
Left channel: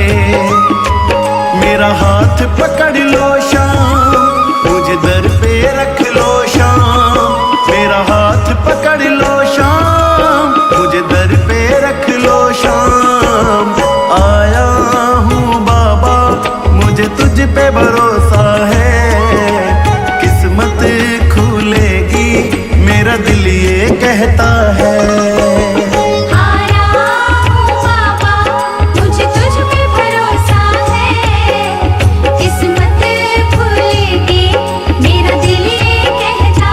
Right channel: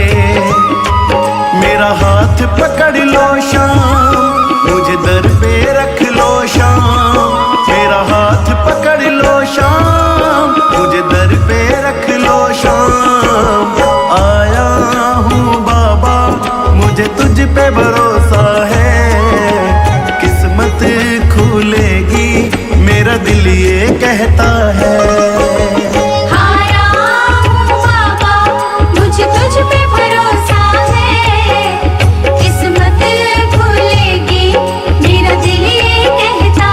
मेरा हाथ पकड़ लो शाम, मुझे दर पे रख लो शाम। मेरा हाथ पकड़ लो शाम, मुझे दर पे रख लो शाम। आया हूँ बाबा, मुझे तुझ पे भरोसा है। किस्मत खुलेगी, मेरा दिल ये कहता है। आया हूँ बाबा, मुझे तुझ पे भरोसा है। किस्मत खुलेगी, मेरा दिल ये कहता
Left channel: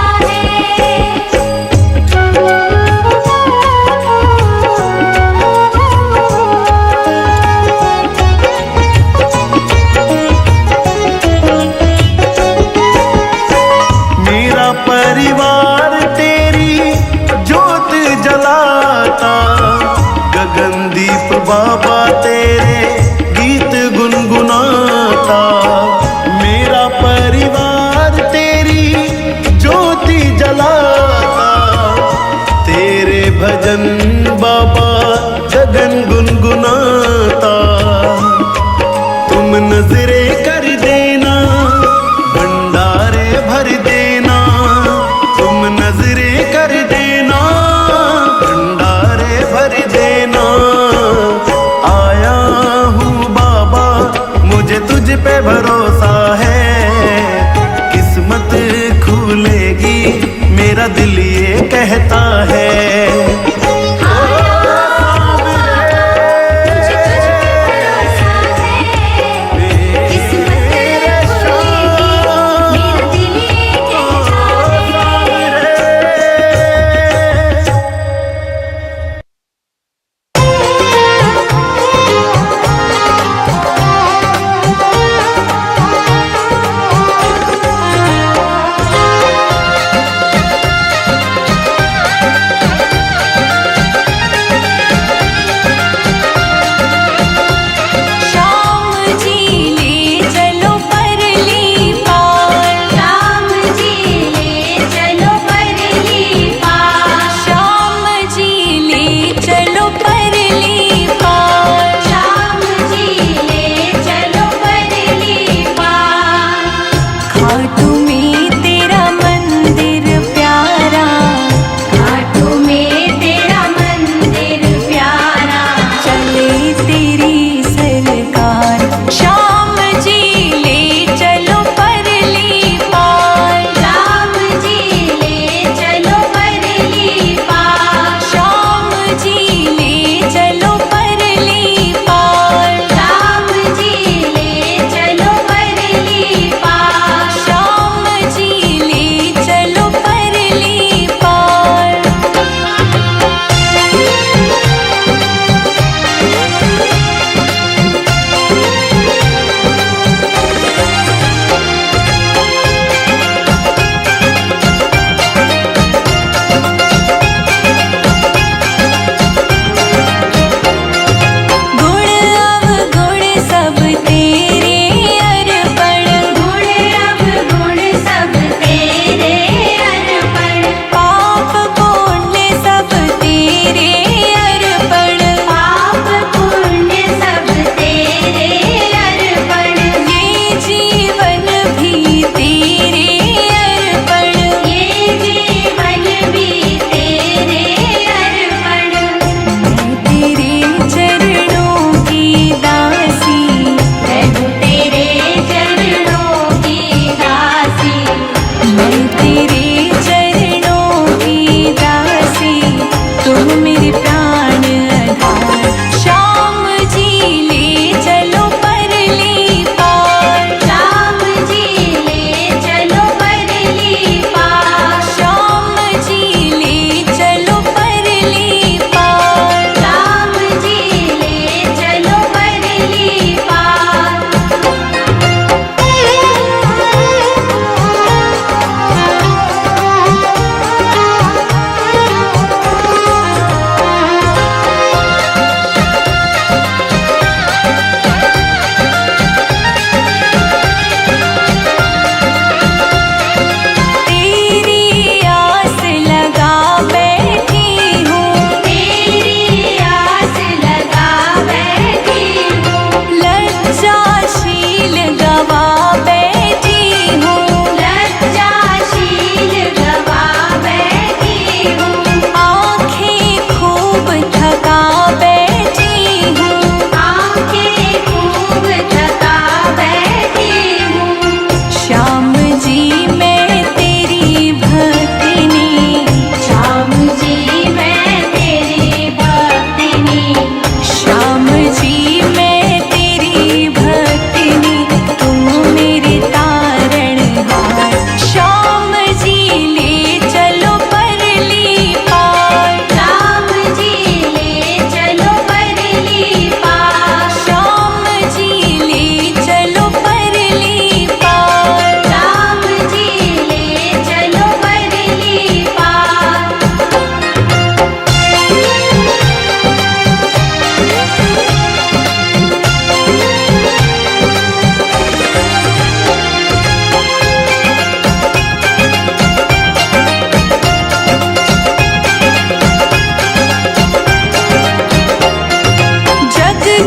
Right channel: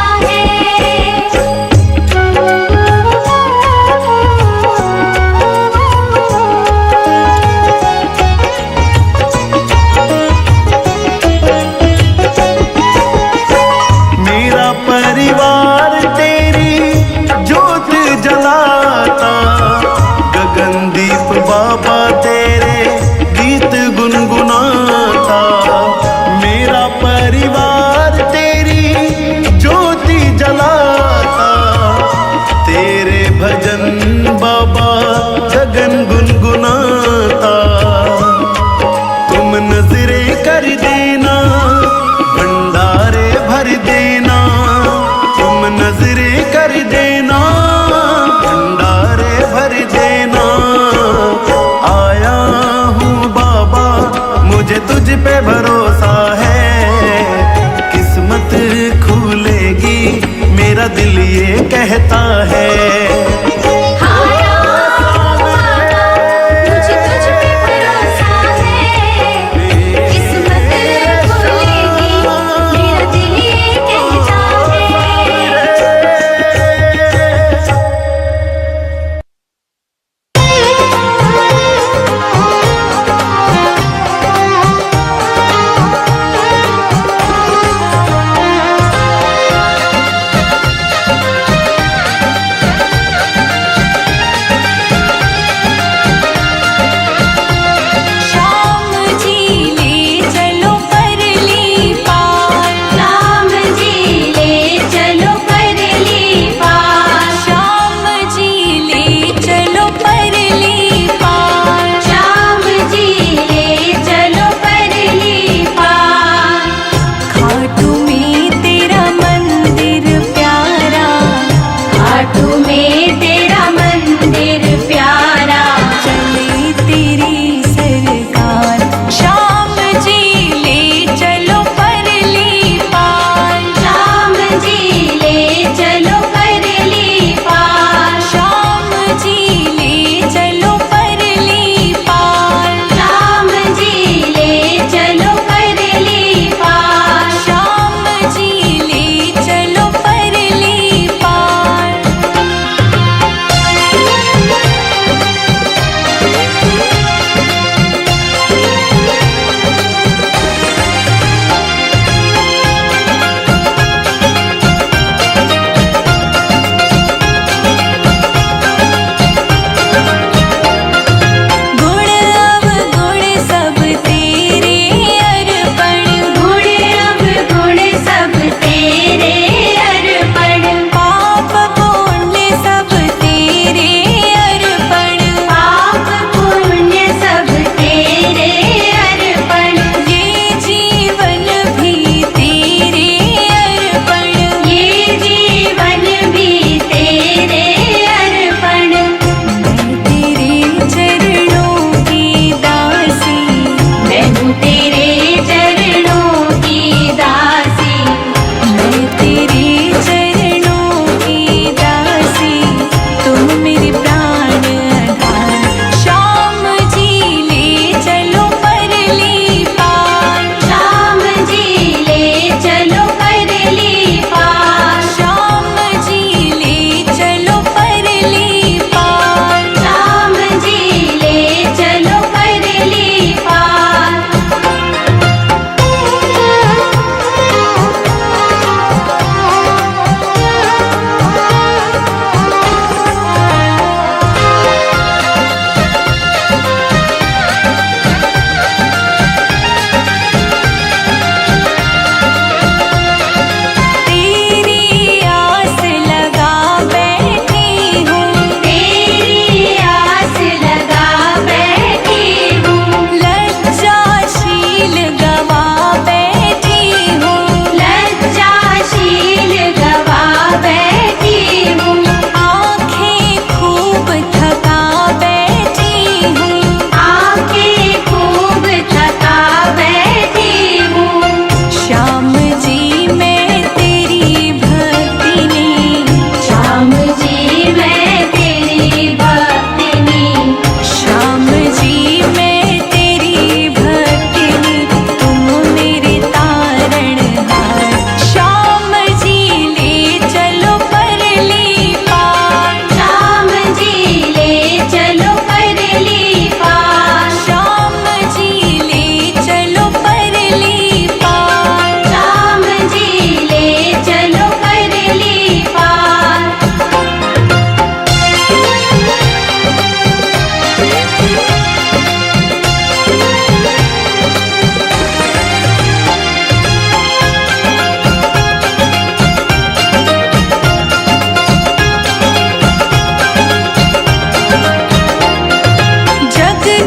मेरा परिवार तेरी जोत जलाता, गगनदीप बाबा तेरे गीत गुनगुनाता। मेरा परिवार तेरी ज्योति जलाता, तेरे भजन बाबा गगन गुनगुनाता। तुम नजरे कर देना, भंडारे भर देना। तुम नजरे कर देना, भंडारे भर देना। आया हूँ बाबा, मुझे तुझ पे भरोसा है। किस्मत खुलेगी, मेरा दिल ये कहता है।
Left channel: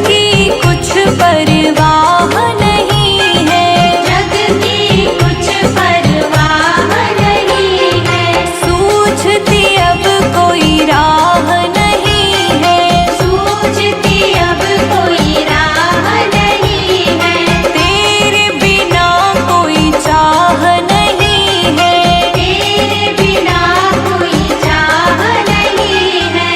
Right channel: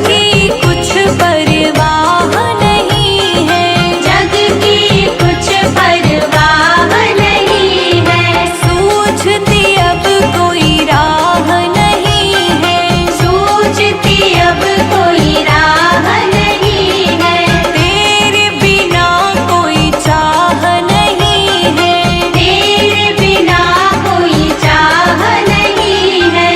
की कुछ परवाह नहीं है, जग की कुछ परवाह नहीं है, सूझती अब कोई राह नहीं है, सूझती अब कोई राह नहीं है, तेरे बिना कोई चाह नहीं है, तेरे बिना कोई चाह नहीं है।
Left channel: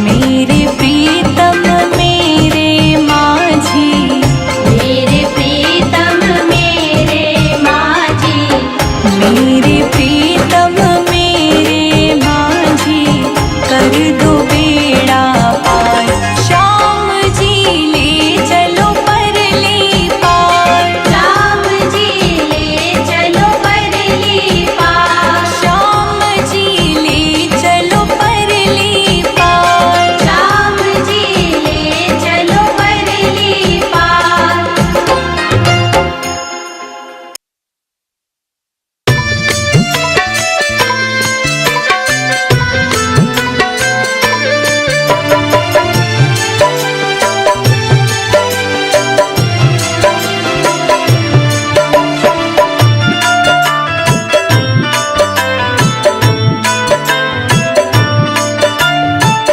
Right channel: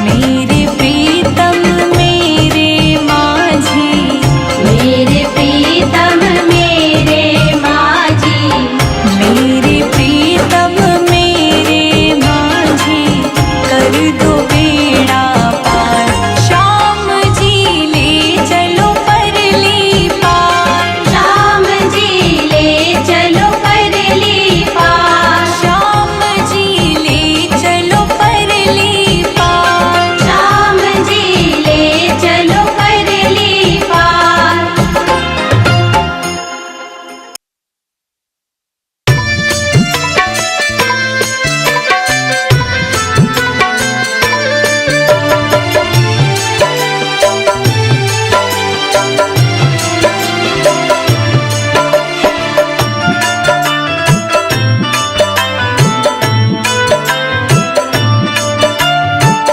मेरे प्रीतम मेरे माझी, मेरे प्रीतम मेरे माझी, मेरे प्रीतम मेरे माझी, कर दो बेड़ा पार, श्याम जी ले चलो परली पार, राम जी ले चलो परली पार, श्याम जी ले चलो परली पार। राम जी ले चलो परली पार।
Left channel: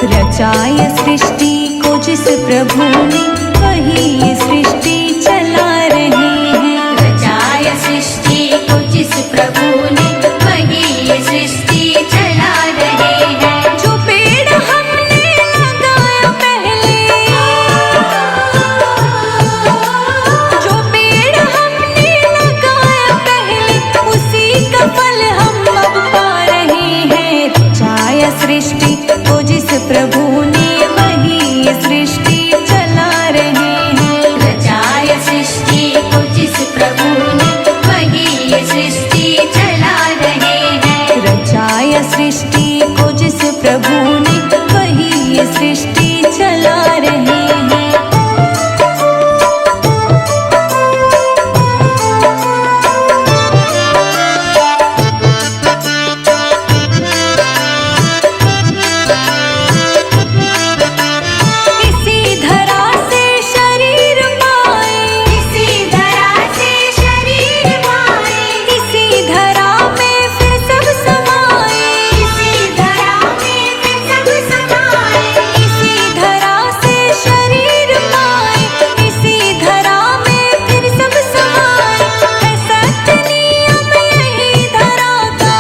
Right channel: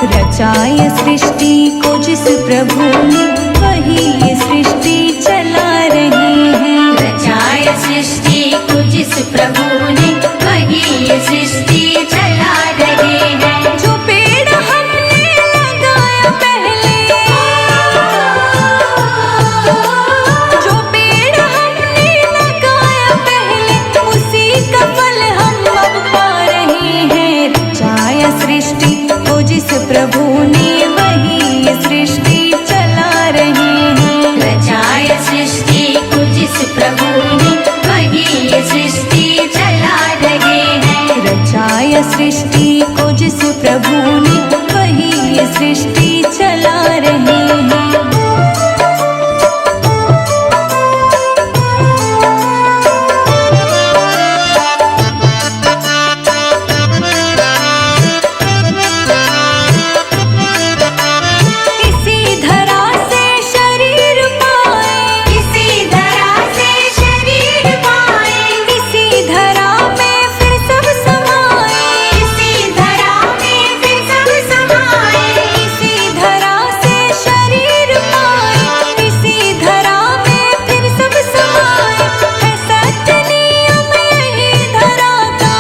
रचाय सृष्टि को जिस प्रभु ने, वही ये सृष्टि चला रहे हैं। रचाय सृष्टि को जिस प्रभु ने, वही ये सृष्टि चला रहे हैं। जो पेड़ हमने लगाया पहले, जो पेड़ हमने लगाया पहले, उसी का फल हम अब पा रहे हैं। रचाया सृष्टि को जिस प्रभु ने, वही ये सृष्टि चला रहे हैं। रचाय सृष्टि को जिस प्रभु ने, वही ये सृष्टि चला रहे हैं। रचाया सृष्टि को जिस प्रभु ने, वही ये सृष्टि चला रहे हैं। इसी धरा से शरीर पाए, इसी धरा से शरीर पाए, इसी धरा में फिर सब समाए, इसी धरा में फिर सब समाए, इसी धरा से शरीर पाए, इसी धरा में फिर सब समाए। है सत्य नियम यही धरा का,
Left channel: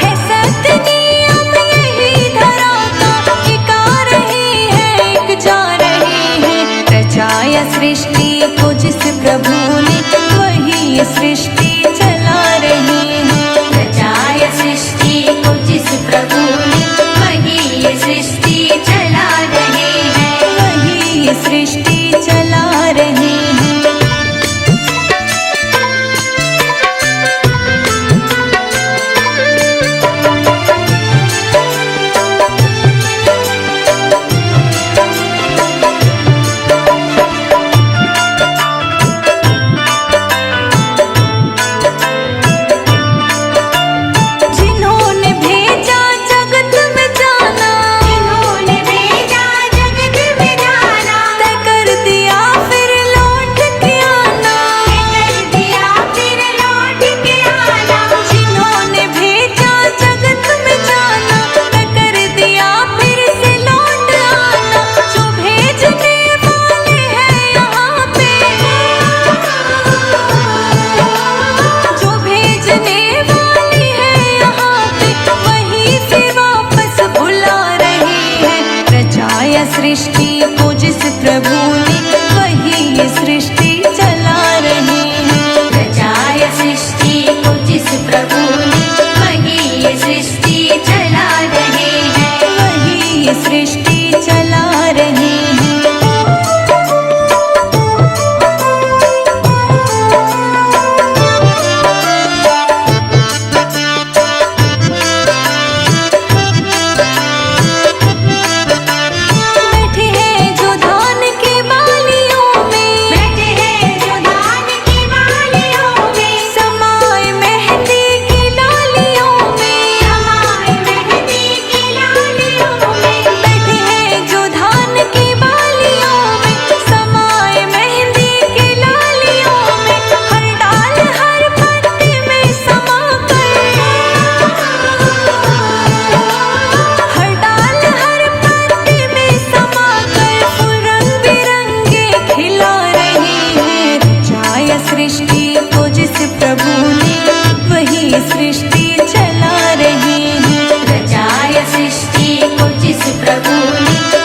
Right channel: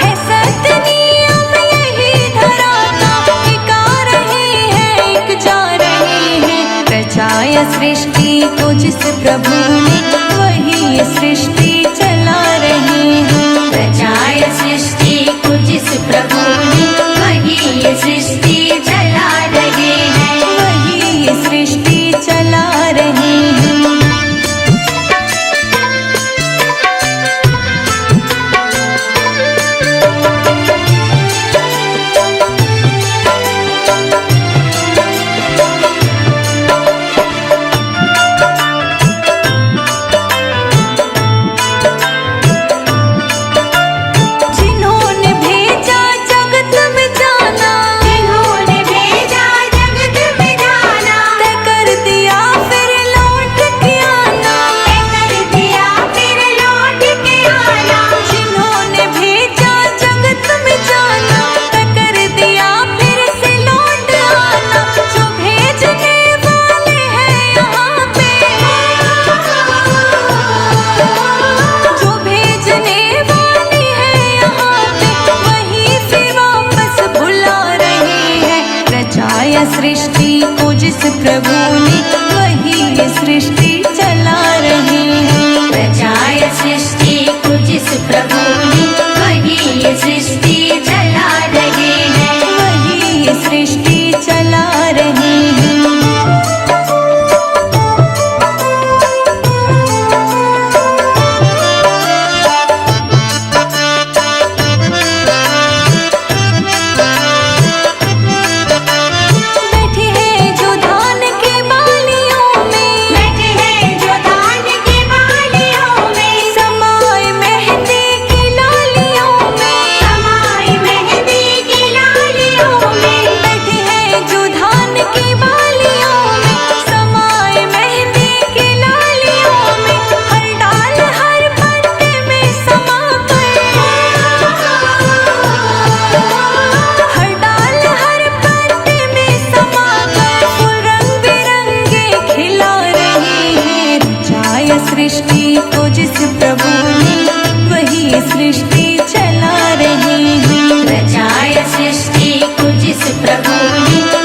है सत्य नियम यही धरा का, एक आ रहे हैं एक जा रहे हैं। रचाया सृष्टि को जिस प्रभु ने, वही ये सृष्टि चला रहे हैं। रचाय सृष्टि को जिस प्रभु ने, वही ये सृष्टि चला रहे हैं। वही ये सृष्टि चला रहे हैं। जिन्होंने भेजा जगत में जाना, जिन्होंने भेजा जगत में जाना, तय कर दिया फिर लौट के आना, कर दिया फिर लौट के आना। जिन्होंने भेजा जगत में जाना, तय कर दिया फिर से लौट आना। जो भेजने वाले हैं यहाँ पे, जो भेजने वाले हैं यहाँ पे, वही फिर वापस बुला रहे हैं। रचाया सृष्टि को जिस प्रभु ने, वही ये सृष्टि चला रहे हैं। रचाय सृष्टि को जिस प्रभु ने, वही ये सृष्टि चला रहे हैं। वही ये सृष्टि चला रहे हैं। बैठे हैं जो धान के बालियों में, बैठे हैं जो धान की बालियों में, समाए मेहंदी की लालियों में, समाए मेहंदी की लालियों में, बैठे सृष्टि को जिस प्रभु ने वही सृष्टि चला रहे हैं। रचाया सृष्टि को जिस प्रभु ने